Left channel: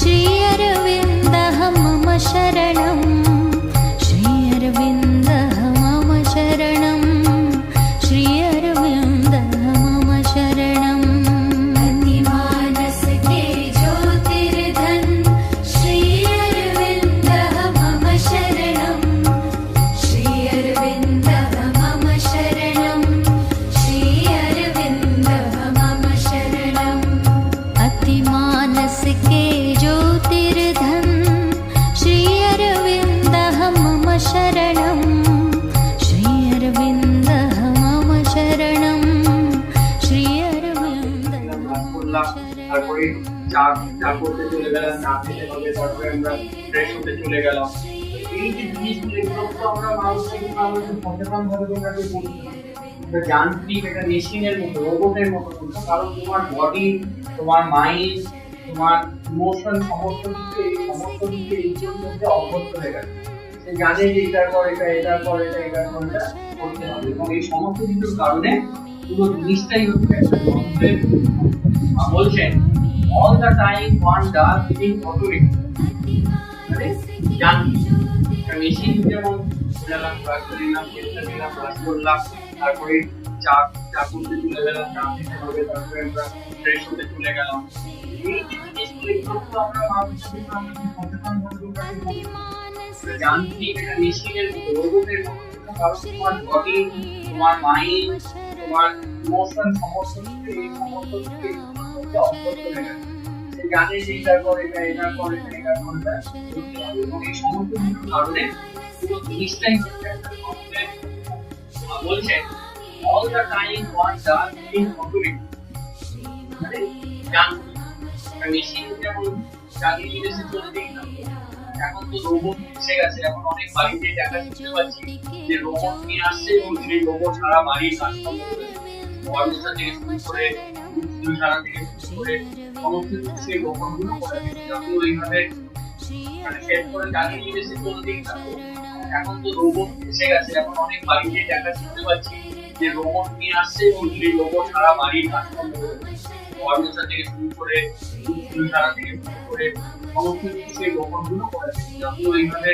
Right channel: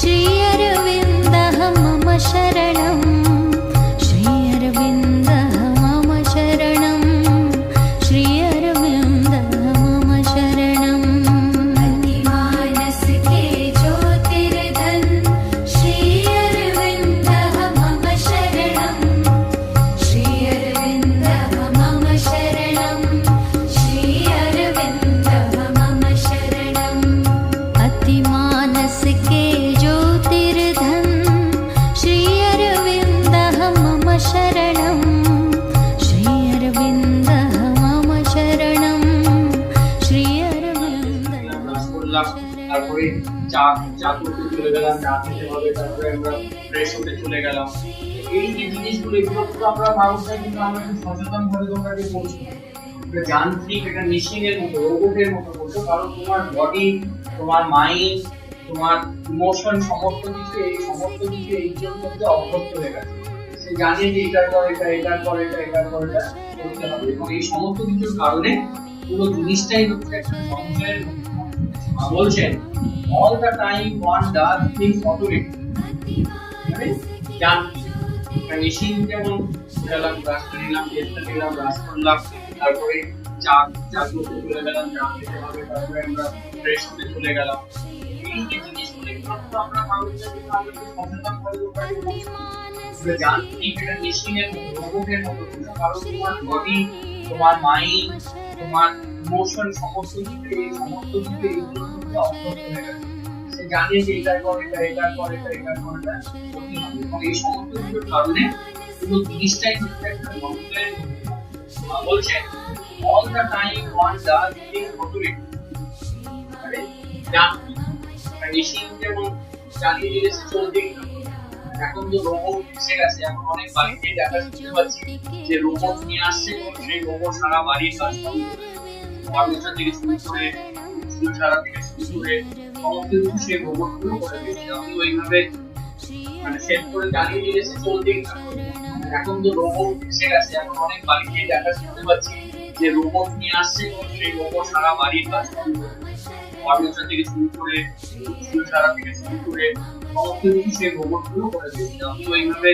श्री अरविन्दः मम शरणं श्री अरविन्दः मम शरणं श्री अरविन्दः मम शरणं मानस के ज्योतिर्धन श्री अरविन्दः मम शरणं श्री अरविन्दः मम शरणं श्री अरविन्दः তারপরে চা করতে চলে গেলাম, চা খেতে হবে, তারপরে আমরা ফ্রেশ হতে চলে গেলাম। এই যে জিনিসগুলো এগুলো তো আমরা মানুষরা কিন্তু আমরা সচেতন ভাবে তোমরাকে করছি না, এটা যান্ত্রিক, এটা মেশিনের মতো, রোবটের মতো করছো। কারণ তোমার বডি, তোমার মাইন্ড, তোমার ইমোশন সমস্ত কিছু এই জন্য অভ্যস্ত হয়ে গেছে। সে জানে যে এটার পর এটা, এটার পর এটা, এটার পর এটা করতে হবে, এবং এই সমস্ত কিছুর কারণে পুরো জিনিসটাই হচ্ছে একটা যন্ত্রের। বলছেন all the time one does things automatic, মানে যান্ত্রিক। একটা মেশিন যেমন গেলাম, ব্রাশ করে নিলাম, পেস্টটা দিলাম, ব্রাশ করলাম, তারপরে চা করতে চলে গেলাম, চা খেতে হবে, তারপরে আমরা ফ্রেশ হতে চলে গেলাম। এই যে জিনিসগুলো এগুলো তো আমরা মানুষরা কিন্তু আমরা খুব সচেতন ভাবে ওটাকে করছি না, এটা যান্ত্রিক, এটা মেশিনের মতো, রোবটের মতো করছো। কারণ তোমার বডি, তোমার মাইন্ড, তোমার ইমোশন সমস্ত কিছু এই জন্য অভ্যস্ত হয়ে গেছে। সে জানে যে এটার পর এটা, এটার পর এটা, এটার পর এটা করতে হবে, এবং এই সমস্ত কিছুর কারণে পুরো জিনিসটাই হচ্ছে একটা যন্ত্রের। বলছেন all the time one does things automatic, মানে যান্ত্রিক। মেশিন যেমন চালিয়ে দিলে সে চলতেই থাকে। এখন তো রোবট এসে গেছে, এখন অনেক বাড়িতে দেখা যাচ্ছে যে রোবট নিয়ে আসছে, এবং সেই রোবট সারা বাড়ির কাজকর্ম করে, ফার্নিচার থেকে শুরু করে স্কুল সারা থেকে শুরু করে সমস্ত কিছু সেই রোবট গুলো করে দিচ্ছে। আপনি ওইভাবে মানে সেট করে চালিয়ে দিলে সে চলতেই থাকে। এখন তো রোবট এসে গেছে, এখন অনেক বাড়িতে দেখা শুনতে পাচ্ছি যে রোবট নিয়ে আসছে, এবং সেই রোবট সারা বাড়ির কাজকর্ম করে, ফার্নিচার থেকে শুরু করে স্কুল সারা থেকে শুরু করে সমস্ত কিছু সেই রোবট গুলো করে দিচ্ছে। আপনি ওইভাবে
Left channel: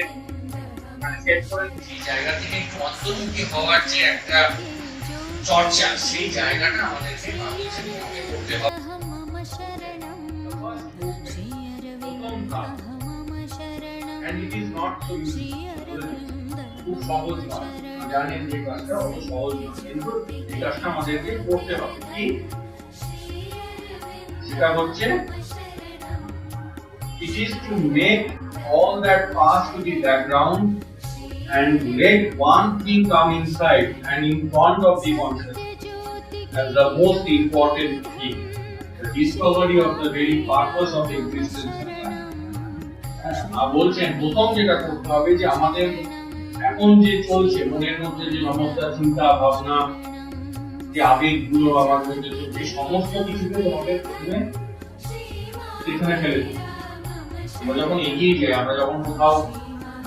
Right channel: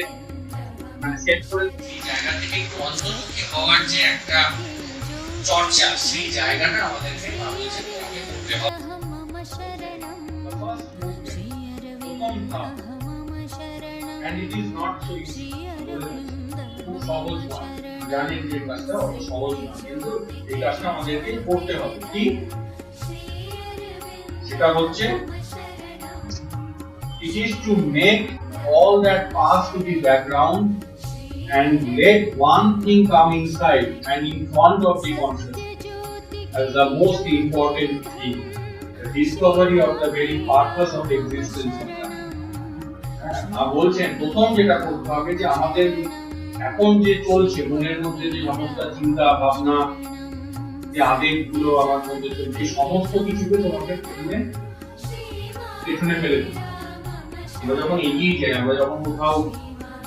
মানে সেট করে জায়গা থেকে একটু অন্তর্মুখী হওয়ার যে একটা চর্চা, সেই জায়গাটা আমাদেরকে মানুষের মধ্যে করতে হবে। And it is not so easy. খুব সহজ নয়, জানেন যে কাজটা অত সহজ নয়, কিন্তু এই কাজটা আমাদেরকে করতে হবে। কি সেটা হচ্ছে it is to make all that pass to the background and let one thing come inside and in front of the consciousness as the most important thing, the discovery of the very purpose of existence. বলছেন প্রথম যেটা করতে হবে যে আমাদের এখন যে চলছে মনের মধ্যে যে সমস্ত চিন্তা ভাবনা, যে আবেগগুলো আমার মধ্যে চলছে, সমস্ত কিছুকে তোমাকে প্রথমে পেছনে ফেলে দিতে। আমরা যখন এগিয়ে যাই, আমরা যখন কোথাও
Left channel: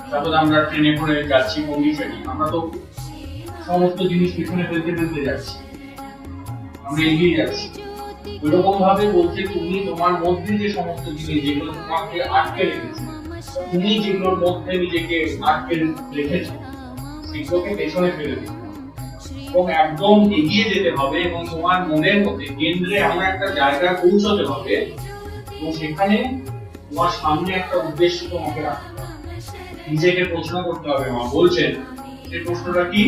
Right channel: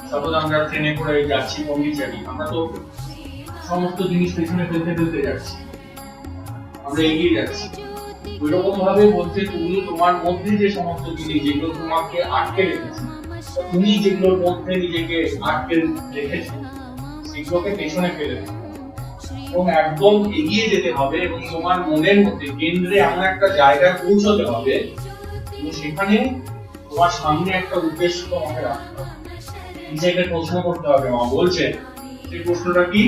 সাপোজ আমরা ট্রেনে করে যাচ্ছি পন্ডিচেরি, আমরা তো সমস্ত জিনিস পেছনে ফেলতে যাচ্ছি, আমরা এগিয়ে যাচ্ছি। ওইরকম ভাবে বলছে তুমি তোমার মধ্যে যে সমস্ত জিনিস যেগুলো তোমাকে আটকে রেখেছে, তুমি যেগুলোর মধ্যে নিজেকে আটকে রেখেছো, সেগুলোকে পেছনে ফেলে দিও এবং একদম এগিয়ে যেতে হবে, এবং তোমার মনের মধ্যে কেন্দ্রে এমন একটা জায়গায় পৌঁছতে হবে, এবং সেখানে তোমার সামনে একটা উদ্দেশ্য তোমাকে রাখতে হবে, নিজেকে প্রশ্ন করতে হবে। মা বলছেন সেই প্রশ্নটা কি?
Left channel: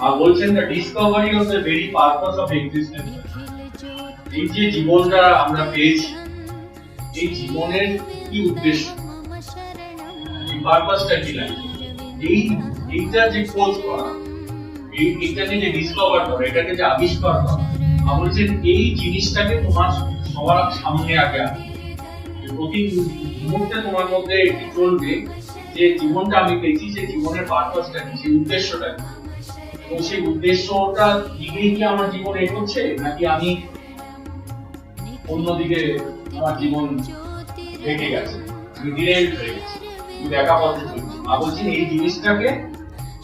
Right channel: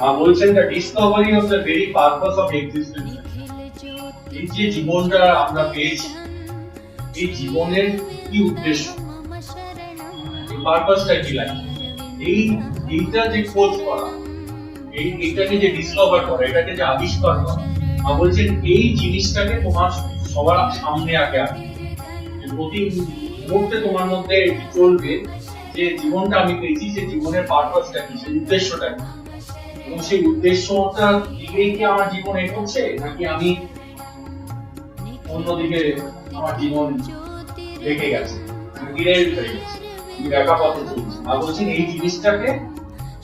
মা বলছেন the Discovery of the very purpose of existence. এই যে জীবনটা আমরা পেয়েছি, এই জীবনের কি উদ্দেশ্য, এই পারপাসটা কি লাইফ, এইটা যে খোঁজ করা, এইটাকে যে ডিসকভার করা, এটাকে যে আবিষ্কার করা। মা বলছেন এই জিনিসটাকে তোমার সবার সামনে আগে আনবে। প্রতি মুহূর্তে তোমার মধ্যে এটি চলবে যে জীবনটা আমি পেয়েছি, সেই জীবনের পারপাসটা কি, সেই উদ্দেশ্যটা কি, এবং সেই উদ্দেশ্যটা দিকেই কি আমার জীবন এগোচ্ছে, নাকি আমি অন্যদিকে আমার জীবন রেখে গেছে, আমি ডিরেক্ট হয়ে গেছি, দেখা পথে চলছি। মা বলছেন এই জিনিসটাকে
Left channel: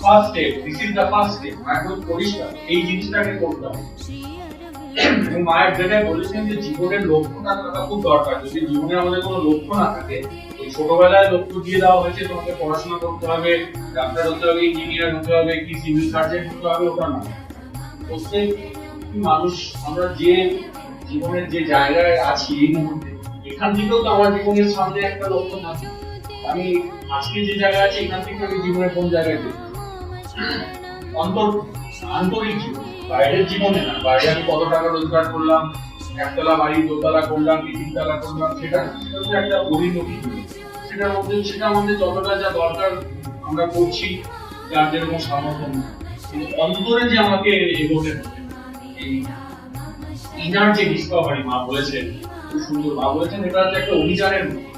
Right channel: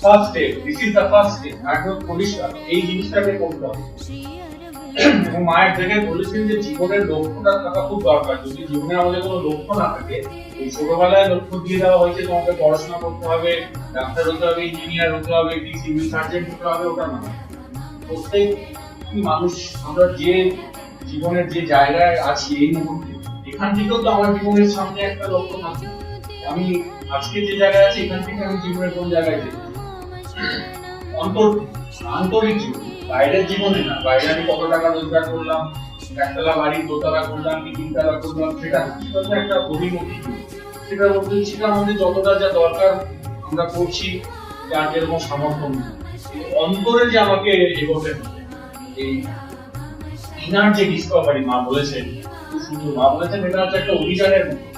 first step, this is the first step, একদম পরিষ্কার এই জিনিসটাকে করতে হবে। এবং মা এক জায়গায় বলেছেন যে জীবনের লক্ষ্যটা থাকা খুব দরকার। যদি জীবনে আমাদের কোনো লক্ষ্য না থাকে, এই ছোটবেলায় লক্ষ্য দিয়ে দেওয়া হয়েছে তোমাকে পড়াশোনা করতে হবে, ডাক্তার হতে হবে, ইঞ্জিনিয়ার হতে হবে, কি সিভিল সার্জন হতে হবে, ওটা না। প্রত্যেক মানুষ আমরা যে জীবনের যে জায়গায় আছি এই মুহূর্তে, এখান থেকেও তো আমার জীবনের সামনে একটা লক্ষ্য থাকে। আমি আজকে যে জায়গায় আছি এখান থেকে আমি জীবনের কোন জায়গায় যাই, আন্তরিক জীবন, বাইরের জীবনে না। বাইরে আমি কত টাকা রোজগার করলাম, একতলা বাড়ি দোতলা করলাম কি তিনতলা করলাম, সেটা হচ্ছে একটা বহির্মুখী জীবন। সেটার মধ্যে সেটা আমাদের যতটা যা দরকার আমরা করছি, যার যেরকম সামর্থ্য নেই। কিন্তু অন্তরে যে আমাকে এগোতে হবে, এই ইনার যে ডিসকভারি মা বলেছেন, সূর্য মা বলেছেন এটা হচ্ছে একটা অভিযানের মতো।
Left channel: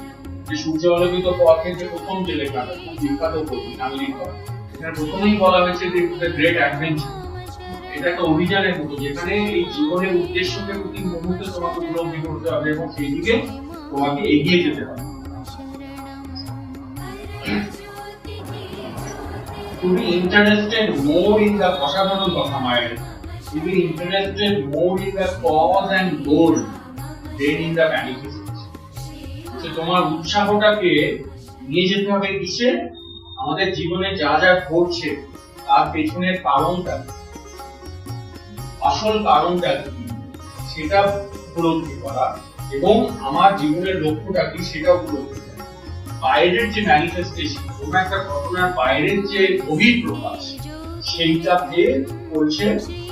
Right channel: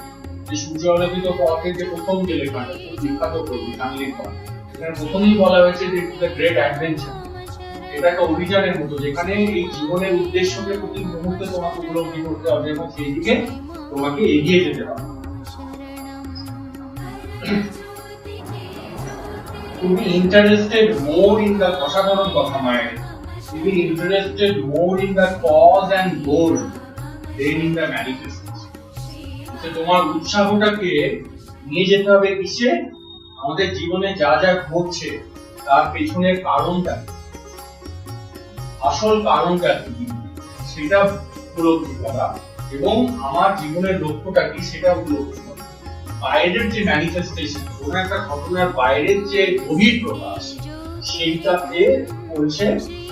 যে সূর্য আলোকিত পথে যে প্রথম যে লেখাটা খুব বিখ্যাত কবি চার্লি পল, এখানে প্রথমেই বলা হয়েছে যে ইটস আ গ্রেট অ্যাডভেঞ্চার। এটা একটা অভিযানের মতো, যেখানে এই জীবনের উদ্দেশ্যকে প্রতি মুহূর্তে তোমাকে উপলব্ধি করতে হবে এবং সেই দিকে তোমাকে এগিয়ে যেতে হবে। To be interested more in the অসাধারণ কথা মায়ের, to be interested more in the cause and goal than in the manifestation. তো তোমার উৎসাহটাকে নিয়ে যেতে হবে কিসে? আমাদের জীবনে যা যা ঘটছে তার পেছনের কারণটা, আসল কারণটা কি সেটা উপলব্ধি করা, এবং আমার জীবনের লক্ষ্যটা কি সেটা উপলব্ধি করা। বাইরের যে ম্যানিফেস্টেশন, কোন একটা ঘটনার বাইরের যে গভীর প্রকাশ, সেইটাতে করছে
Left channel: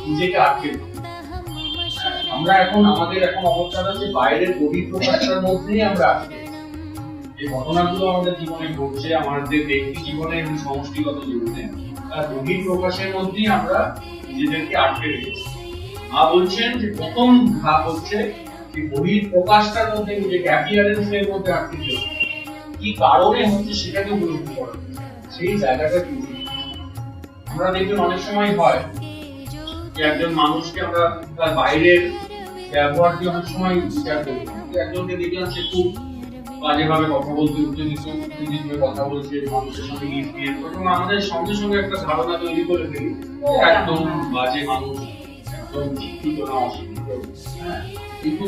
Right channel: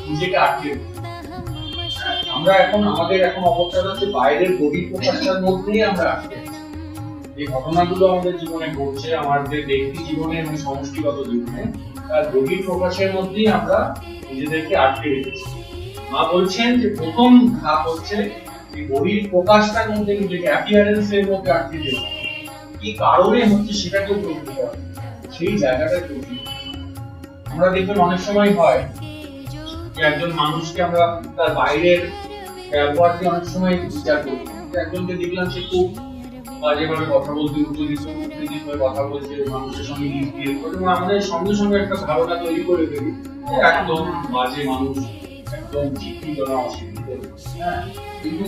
নিজেকে আটকে। আমরা আমাদের এখন অবস্থাটা হচ্ছে বাইরের গভীর প্রকাশটার মধ্যেই আমরা আটকে। যে ঘটনাগুলো আমাদের জীবনে ঘটছে, আমাদের ব্যক্তি জীবনে এবং সমষ্টিগত জীবনে, তার গভীর প্রকাশের মধ্যেই আমরা নিজেদেরকে আটকে রেখেছি। মা বলছেন যে প্রথম ধাপ হচ্ছে যে গভীর প্রকাশটার মধ্যে নিজেকে, অ্যাপিয়ারেন্সের মধ্যে আটকে দেওয়া। কি কারণে হচ্ছে সেটাকে উপলব্ধি করা, সেই জায়গাটা গভীর। আমরা দেখবেন অনেক সময় হয় যে একজন মানুষকে আমরা তার বাইরের ব্যবহারকে অনেক সময় বিচার করি। একজনকে দেখলাম সে খুব বাজেভাবে কথা বলতে, উত্তেজিতভাবে কথা বলছে, মানুষের সঙ্গে মিসবিহেভ করছে, এবং আমাদের সঙ্গে সঙ্গে একটা ধারণা তৈরি করে ফেলি একদম বাজে মানুষ, একদম শিক্ষিত না, অশিক্ষিত। হ্যাঁ, কিন্তু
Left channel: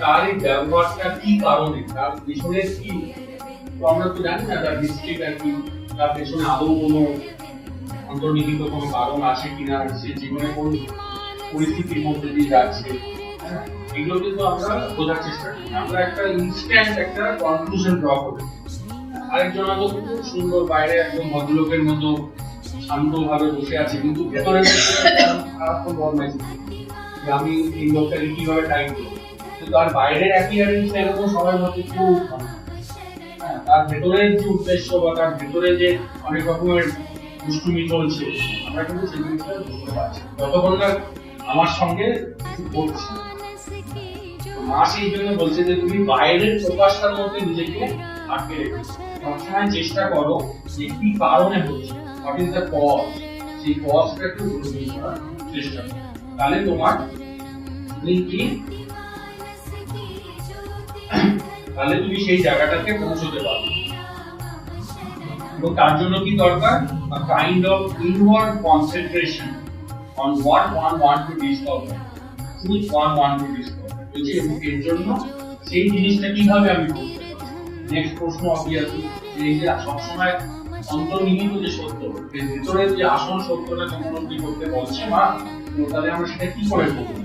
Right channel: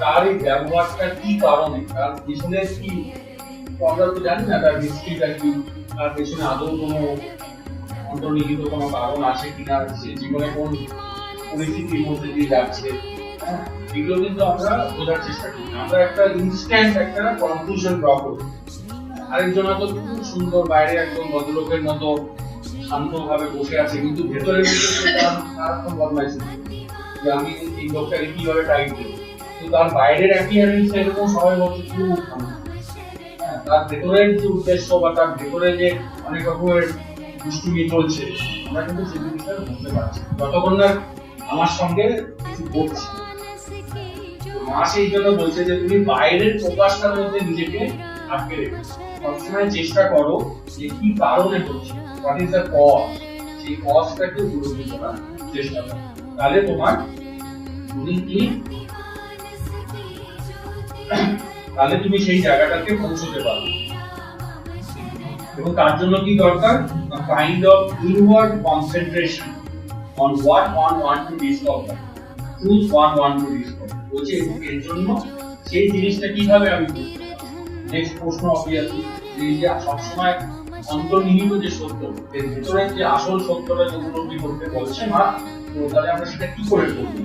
তার এই ব্যবহারটা কি কারণে, তার পেছনে কি, তো আমরা তো জানি না তার হিস্ট্রিটা কি, তার পেছনে আদৌ কোনো অন্তর্নিহিত কোনো কারণ আছে কিনা, সে জীবনে কোন পরিস্থিতির মধ্যে দিয়ে যাচ্ছে। হ্যাঁ, এগুলো কিন্তু আমরা বোঝার চেষ্টা করি। আমরা একটা ইনস্ট্যান্ট একটা কনক্লুশন ড্র করি। আরেকজন হয়তো খুব সুন্দর, বাইরে একদম ভদ্রলোকের মতো শান্তভাবে বসে আছে, কিন্তু ভেতরে সারাক্ষণ বদমাইশি, যে আমি এই লোকটাকে কিভাবে টাইপ করি। কিন্তু তার বাইরের অ্যাপিয়ারেন্স এরকম সময় মধ্যে খুব, তার ভেতরের যে উদ্দেশ্য বা তার ভেতরে যে অনেক রকমের দুষ্টুমি চলছে, আমরা কিন্তু সেই জিনিসটা বুঝতে পারছি যতক্ষণ না আমার সঙ্গে বলছে। মা সেই জন্য বলছে যে তুমি বাইরের প্রকাশটার মধ্যে নিজেকে আটকে রেখে সবসময় চেষ্টা করো যে কি কারণে হচ্ছে, হোয়াট ইজ দ্য কজ, সেই কজটাকে বুঝতে করার চেষ্টা করো। তাহলে তুমি সেই জায়গাটাকে পৌঁছতে পারবে। এবং তার জন্য কি দরকার? a kind of inward concentration on what one want to discover, truth one want to discover। বলছে এর জন্য সেই জিনিসটা কিভাবে আমি করব। নেক্সট প্রশ্ন হবে এই যে সবসময় অন্তর্নিহিত যে সত্য, এর ভিতরে যে আসল সত্যটা যে উপলব্ধি করতে বলছে মা, তো তাহলে আমরা সেটা কি করে করব?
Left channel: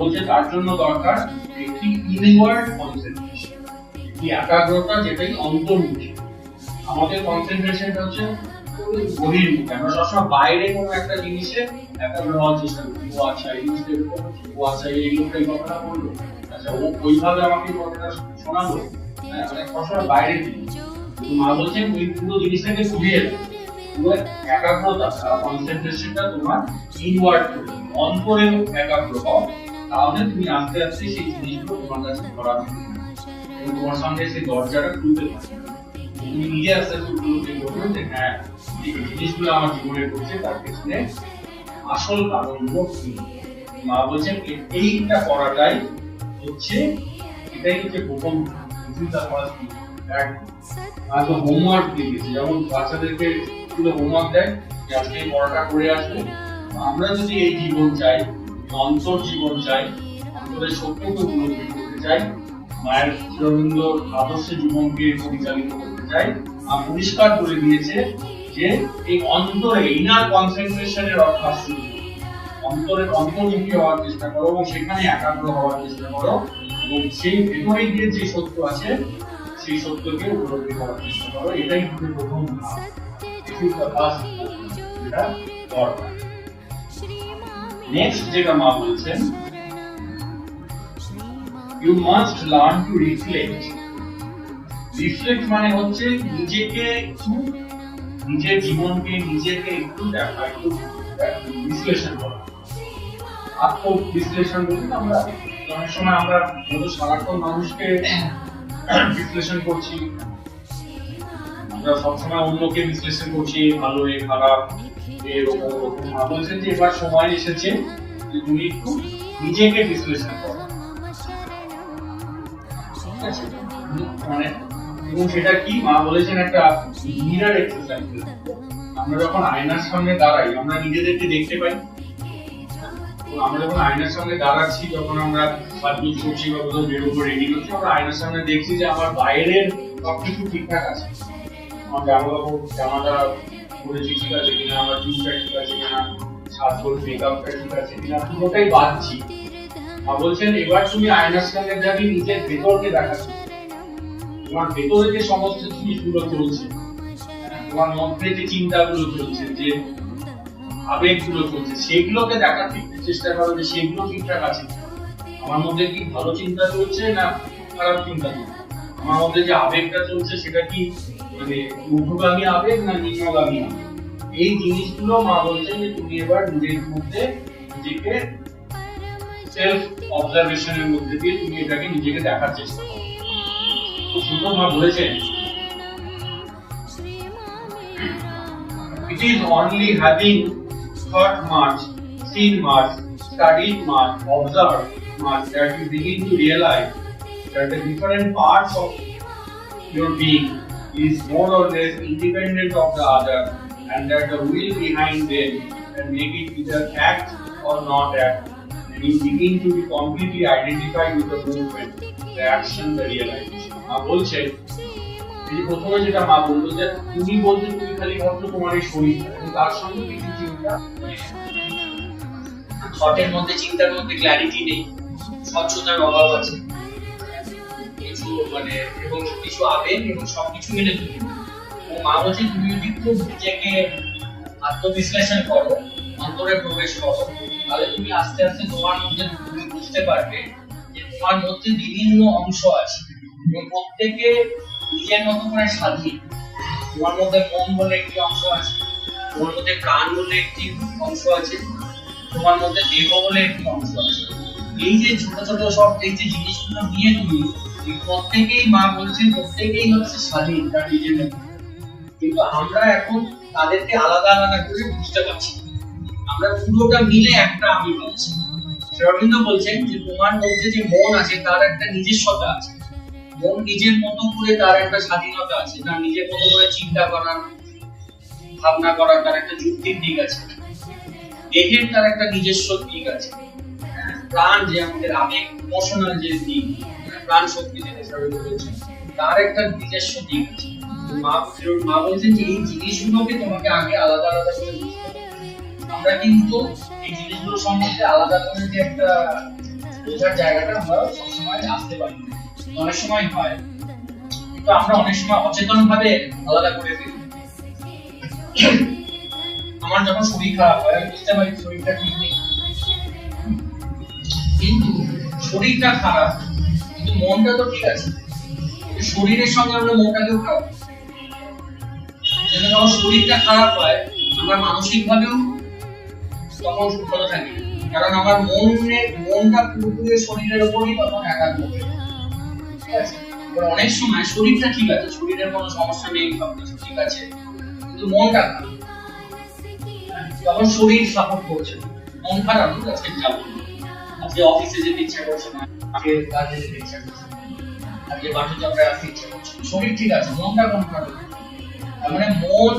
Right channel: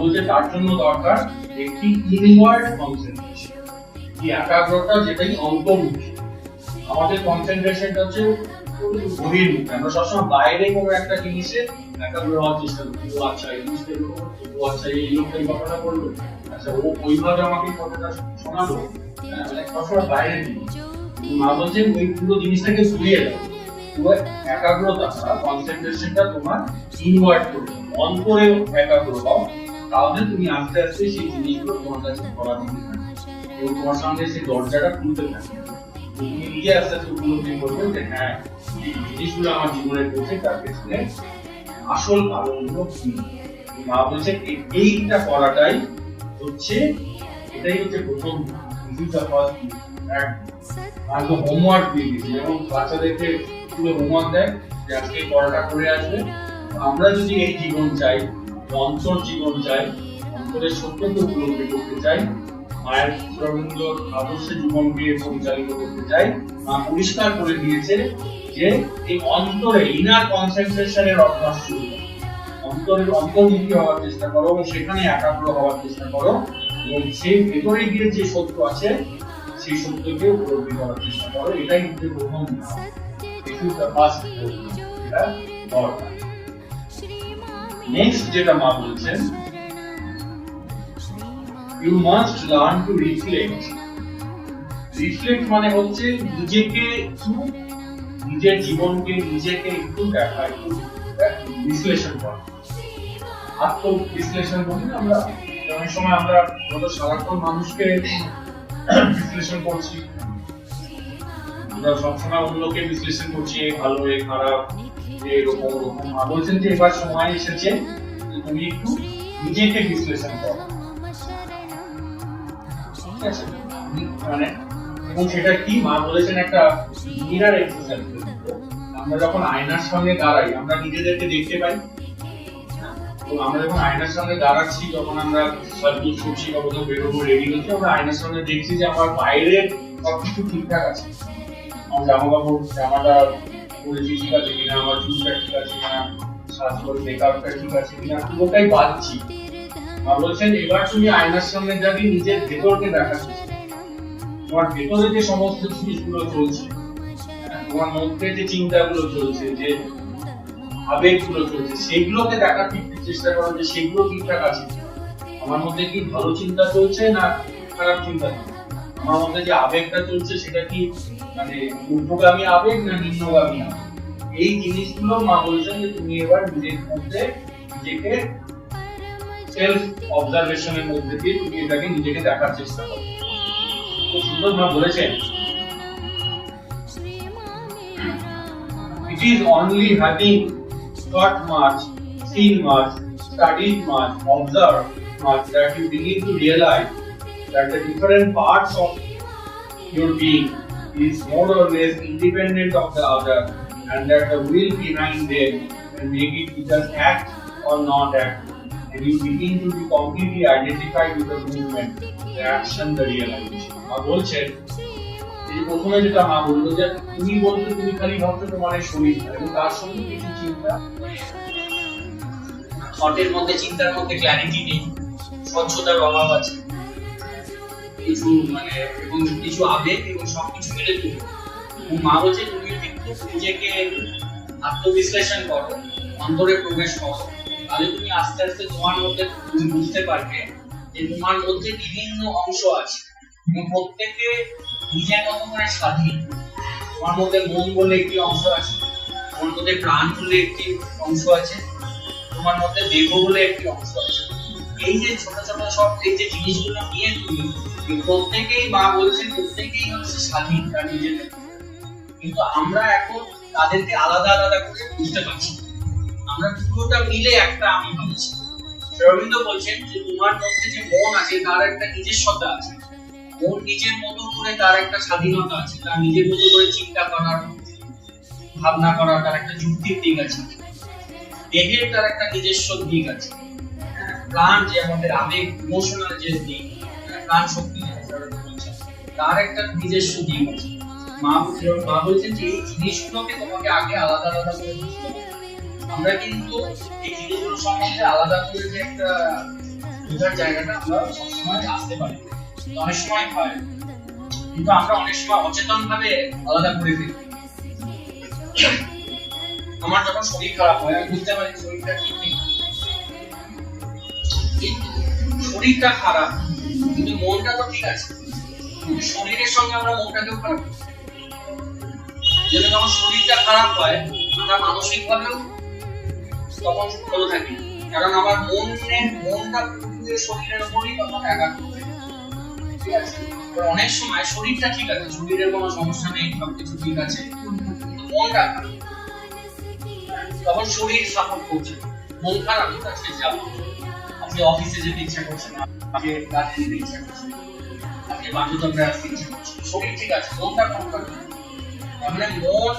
বলছে তার জন্য দরকার একটি ইনওয়ার্ড কনসেন্ট্রেশন, একটি একাগ্রতা যেটাই অন্তর্মুখী। আমাদের কনসেন্ট্রেশনটা হচ্ছে বহির্মুখী। আমরা সবসময় বাইরে কোনো একটা জিনিসে একাগ্র হওয়ার চেষ্টা করি। ও আচ্ছা এই জিনিসটা এরকম হচ্ছে, ও আচ্ছা এই লোকটা এই কথাটা বললো, আচ্ছা ও ওইভাবে আমাকে এই কথাটা শোনালো, সবসময় বাইরে দিই। মা বলছেন ওই পুরো জিনিসটাকে ঘুরিয়ে দাও, পুরো একাগ্রতা, কনসেন্ট্রেশনটা তোমার ইনওয়ার্ড করবে, অন্তরে একাগ্র হও। তাহলে তুমি আস্তে আস্তে সেই জিনিসগুলো তোমার কাছে ধরা দিবে এবং তোমার সামনে সেই দরজাটা খুলতে থাকবে। তুমি নিজে আস্তে আস্তে উপলব্ধি করবে যে হ্যাঁ, এই জিনিসগুলো আমার জীবনে ঘটছে, তার পেছনে আসল কারণগুলো কি। মা বলছেন এইটা করাটাই হচ্ছে, এটাই হচ্ছে প্রথম হোমওয়ার্ক দিয়ে দিচ্ছি। যেমন বাচ্চাদেরকে স্কুলে হোমওয়ার্ক দেয় যে আজকে পড়াটা করে আসবে। আমরা যদি এই জীবন চাই, অন্তর জীবন চাই, অন্তরের সত্যকে উপলব্ধি করতে চাই, মায়ের শ্রীঅরবিন্দর আদর্শে জীবনকে পরিচালিত করতে চাই, মা পরিষ্কার করে দিয়েছে যে এই অন্তরে ইনার কনসেন্ট্রেশনের অভ্যাস শুরু করো, অন্তরের অন্তর্মুখী হওয়ার চেষ্টা করো এবং সেখানে একাগ্র হওয়ার চেষ্টা করো এবং সেই ভেতরে গিয়ে যে সত্য আছে সেই সত্যকে উপলব্ধি করার চেষ্টা করো। এটাই হচ্ছে প্রথম ধাপ। নেক্সট যেটা মা বলছেন, you must learn to reflect. Reflect মানে হচ্ছে নিজেকে একটু, নিজের জীবনকে নিজেকে একটু দেখা, একটু বিশ্লেষণ করা। আত্মবিশ্লেষণ বলতে আমরা অনেক সময় আমরা যত সারাক্ষণ মানুষকে বিশ্লেষণ করছি, আমরা সবসময় অন্যকে বিশ্লেষণ করছি, ভালো এ খারাপ এরকম ওরকম। বলছেন যে এবার সময় এসেছে যে তুমি একটু নিজেকে বিশ্লেষণ করো, ঠিক আছে? মানে এবং সেটা কি মা বলেছেন একটা মিরর এক্সারসাইজ। আমরা যখন আয়নার সামনে দাঁড়াই আমরা নিজেদেরকে দেখতে পাই। আমরা যখন আয়নার সামনে দাঁড়াচ্ছি, যখন আমরা সাজগোজ করছি বা কোথাও বেরোবো রেডি হচ্ছি, আমরা আয়নার সামনে দেখছি যে আমার বাইরের সবকিছু ঠিকঠাক আছে, আমার জামাটা পরেছি ঠিক আছে কিনা, আমার চুলটা ঠিক আছে কিনা, সাজগোজ মেকআপটা ঠিক আছে কিনা, পুরোটাই বাজছি। আর বলছেন এবার তুমি আয়নার সামনে দাঁড়িয়ে নিজের ভেতরকে দেখাচ্ছ, তোমার ভেতরে যে সমস্ত জিনিসগুলো চলছে, তোমার মধ্যে যে চিন্তাগুলো চলছে, যে আবেগগুলো চলছে, সেগুলোকে দেখার চেষ্টা করো যে সেগুলো ঠিকঠাক আছে। আমার মধ্যে কি ভালো চিন্তা চলছে না খারাপ চিন্তা চলছে, আমার মধ্যে যে আবেগটা চলছে সেটা কি মানে ঊর্ধ্বগামী আবেগ না নিম্নগামী আবেগ। এই জিনিসগুলো মা বলছেন যে তুমি এবার নিজের মধ্যে নিজেকে সেলফ অবজারভেশনের মধ্যে দিয়ে তুমি এটাকে নিজেকে দেখার চেষ্টা করো। সুন্দর মা বলেছেন, it is only having thought much, seen much, studied much, observed much that you begin to realize that the different parts of your being is more or less independent of the other, and that the will behind them can make it either act or not act, and you begin to be completely identified with the movement, the action, the realization. বলছেন এই প্রথমে যেটা মা বলতো যে তুমি বলছো তুমি খালি ভাবছো তোমার এই শরীর, এবং তার সঙ্গে কিছু চিন্তা, থটের মধ্যে চিন্তার মধ্যে ক্ল্যারিটি নেই, স্বচ্ছতার অভাব আছে, কিছু মানে এবং কিছু আবেগ এবং সবকিছু মিলে তুমি। এবং মা বলছে তুমি যদি খুব নিজেকে আত্মবিশ্লেষণ করো, অন্তরে প্রবেশ করো, তাহলে তুমি আস্তে আস্তে তোমার মধ্যে তুমি বুঝতে পারবে যে তোমার মধ্যে বিভিন্ন অংশ আছে এবং প্রত্যেকে নিজের মতো করে স্বাধীন। তোমার মধ্যে মন বলে একটি অংশ আছে, তোমার মধ্যে প্রাণ বলে একটি অংশ আছে, তোমার মধ্যে দেহ বলে একটি অংশ আছে। এই যে ছোট ছোট সব এই যে জিনিসগুলো নিয়ে তুমি প্রত্যেকেই মা বলছেন প্রত্যেকেই হচ্ছে স্বাধীন তার নিজের মতো, কিন্তু আমরা এখন তাদেরকে আলাদা আলাদা করে বুঝতে পারছি, আমরা পুরোটা মিলে একটা আমি ভাবছি। শ্রীঅরবিন্দ বলছেন যে তোমার মধ্যে যে মন আছে তার একটা নিজস্বতা আছে, মন নিজের মতো করে তার একটা স্বাধীনতা আছে, তার নিজের মতো করে চিন্তা করার, ভাবনা করার তার একটা যুক্তির দিক আছে, দেহের তার একটা নিজস্ব দিক আছে, প্রাণ যে আমাদের আবেগ ইমোশনাল যে দিক, প্রাণ শক্তি যেটা শ্রীঅরবিন্দ বলছেন তার একটা নিজস্ব দিক আছে। মা বলছেন যে এই জিনিসগুলোকে তোমাকে আগে আলাদা আলাদা করে বুঝতে হবে। আমরা কিন্তু এই জিনিসগুলো সম্বন্ধে আলাদা করে যে একটা বোঝার জায়গাটা আমরা সবসময় আসতে পারি, অনেক সময় হয়, কিন্তু আমরা অনেক সময় অচেতন ভাবে আলাদা করে ফেলি। আমার যখন শরীর খারাপ হয় আমি বুঝতে পারি শরীরটা ঠিক নেই, কিন্তু শরীরটা খারাপ কিন্তু মনটা তো ঠিক আছে, কিন্তু শরীরের সঙ্গে আমরা মনটাকেও খারাপ, যেটা যখন শরীরটা খারাপ হয় আমরা মানসিক ভাবেও তখন ভালো থাকি, কারণ আমার মনটা পুরোপুরি শরীরের উপরই তখন একাগ্র হয়ে যায়। ঠিক আছে, অনেক সময় শরীরটা ঠিক আছে, শরীরের কোনো সমস্যা নেই, সবকিছু ঠিক আছে, কিন্তু মনটা খারাপ, তখন শরীর সাপোর্ট করছে, মন খারাপ, আজকে যাবো, আজকে অফিসে যেতে ইচ্ছা করছে না, আজকে কাজে যেতে ইচ্ছা করছে, আজকে বাসুচক্রে আসতে ইচ্ছা করছে, শরীর ঠিক আছে, মনটা কোন কারণে? তার মানে মন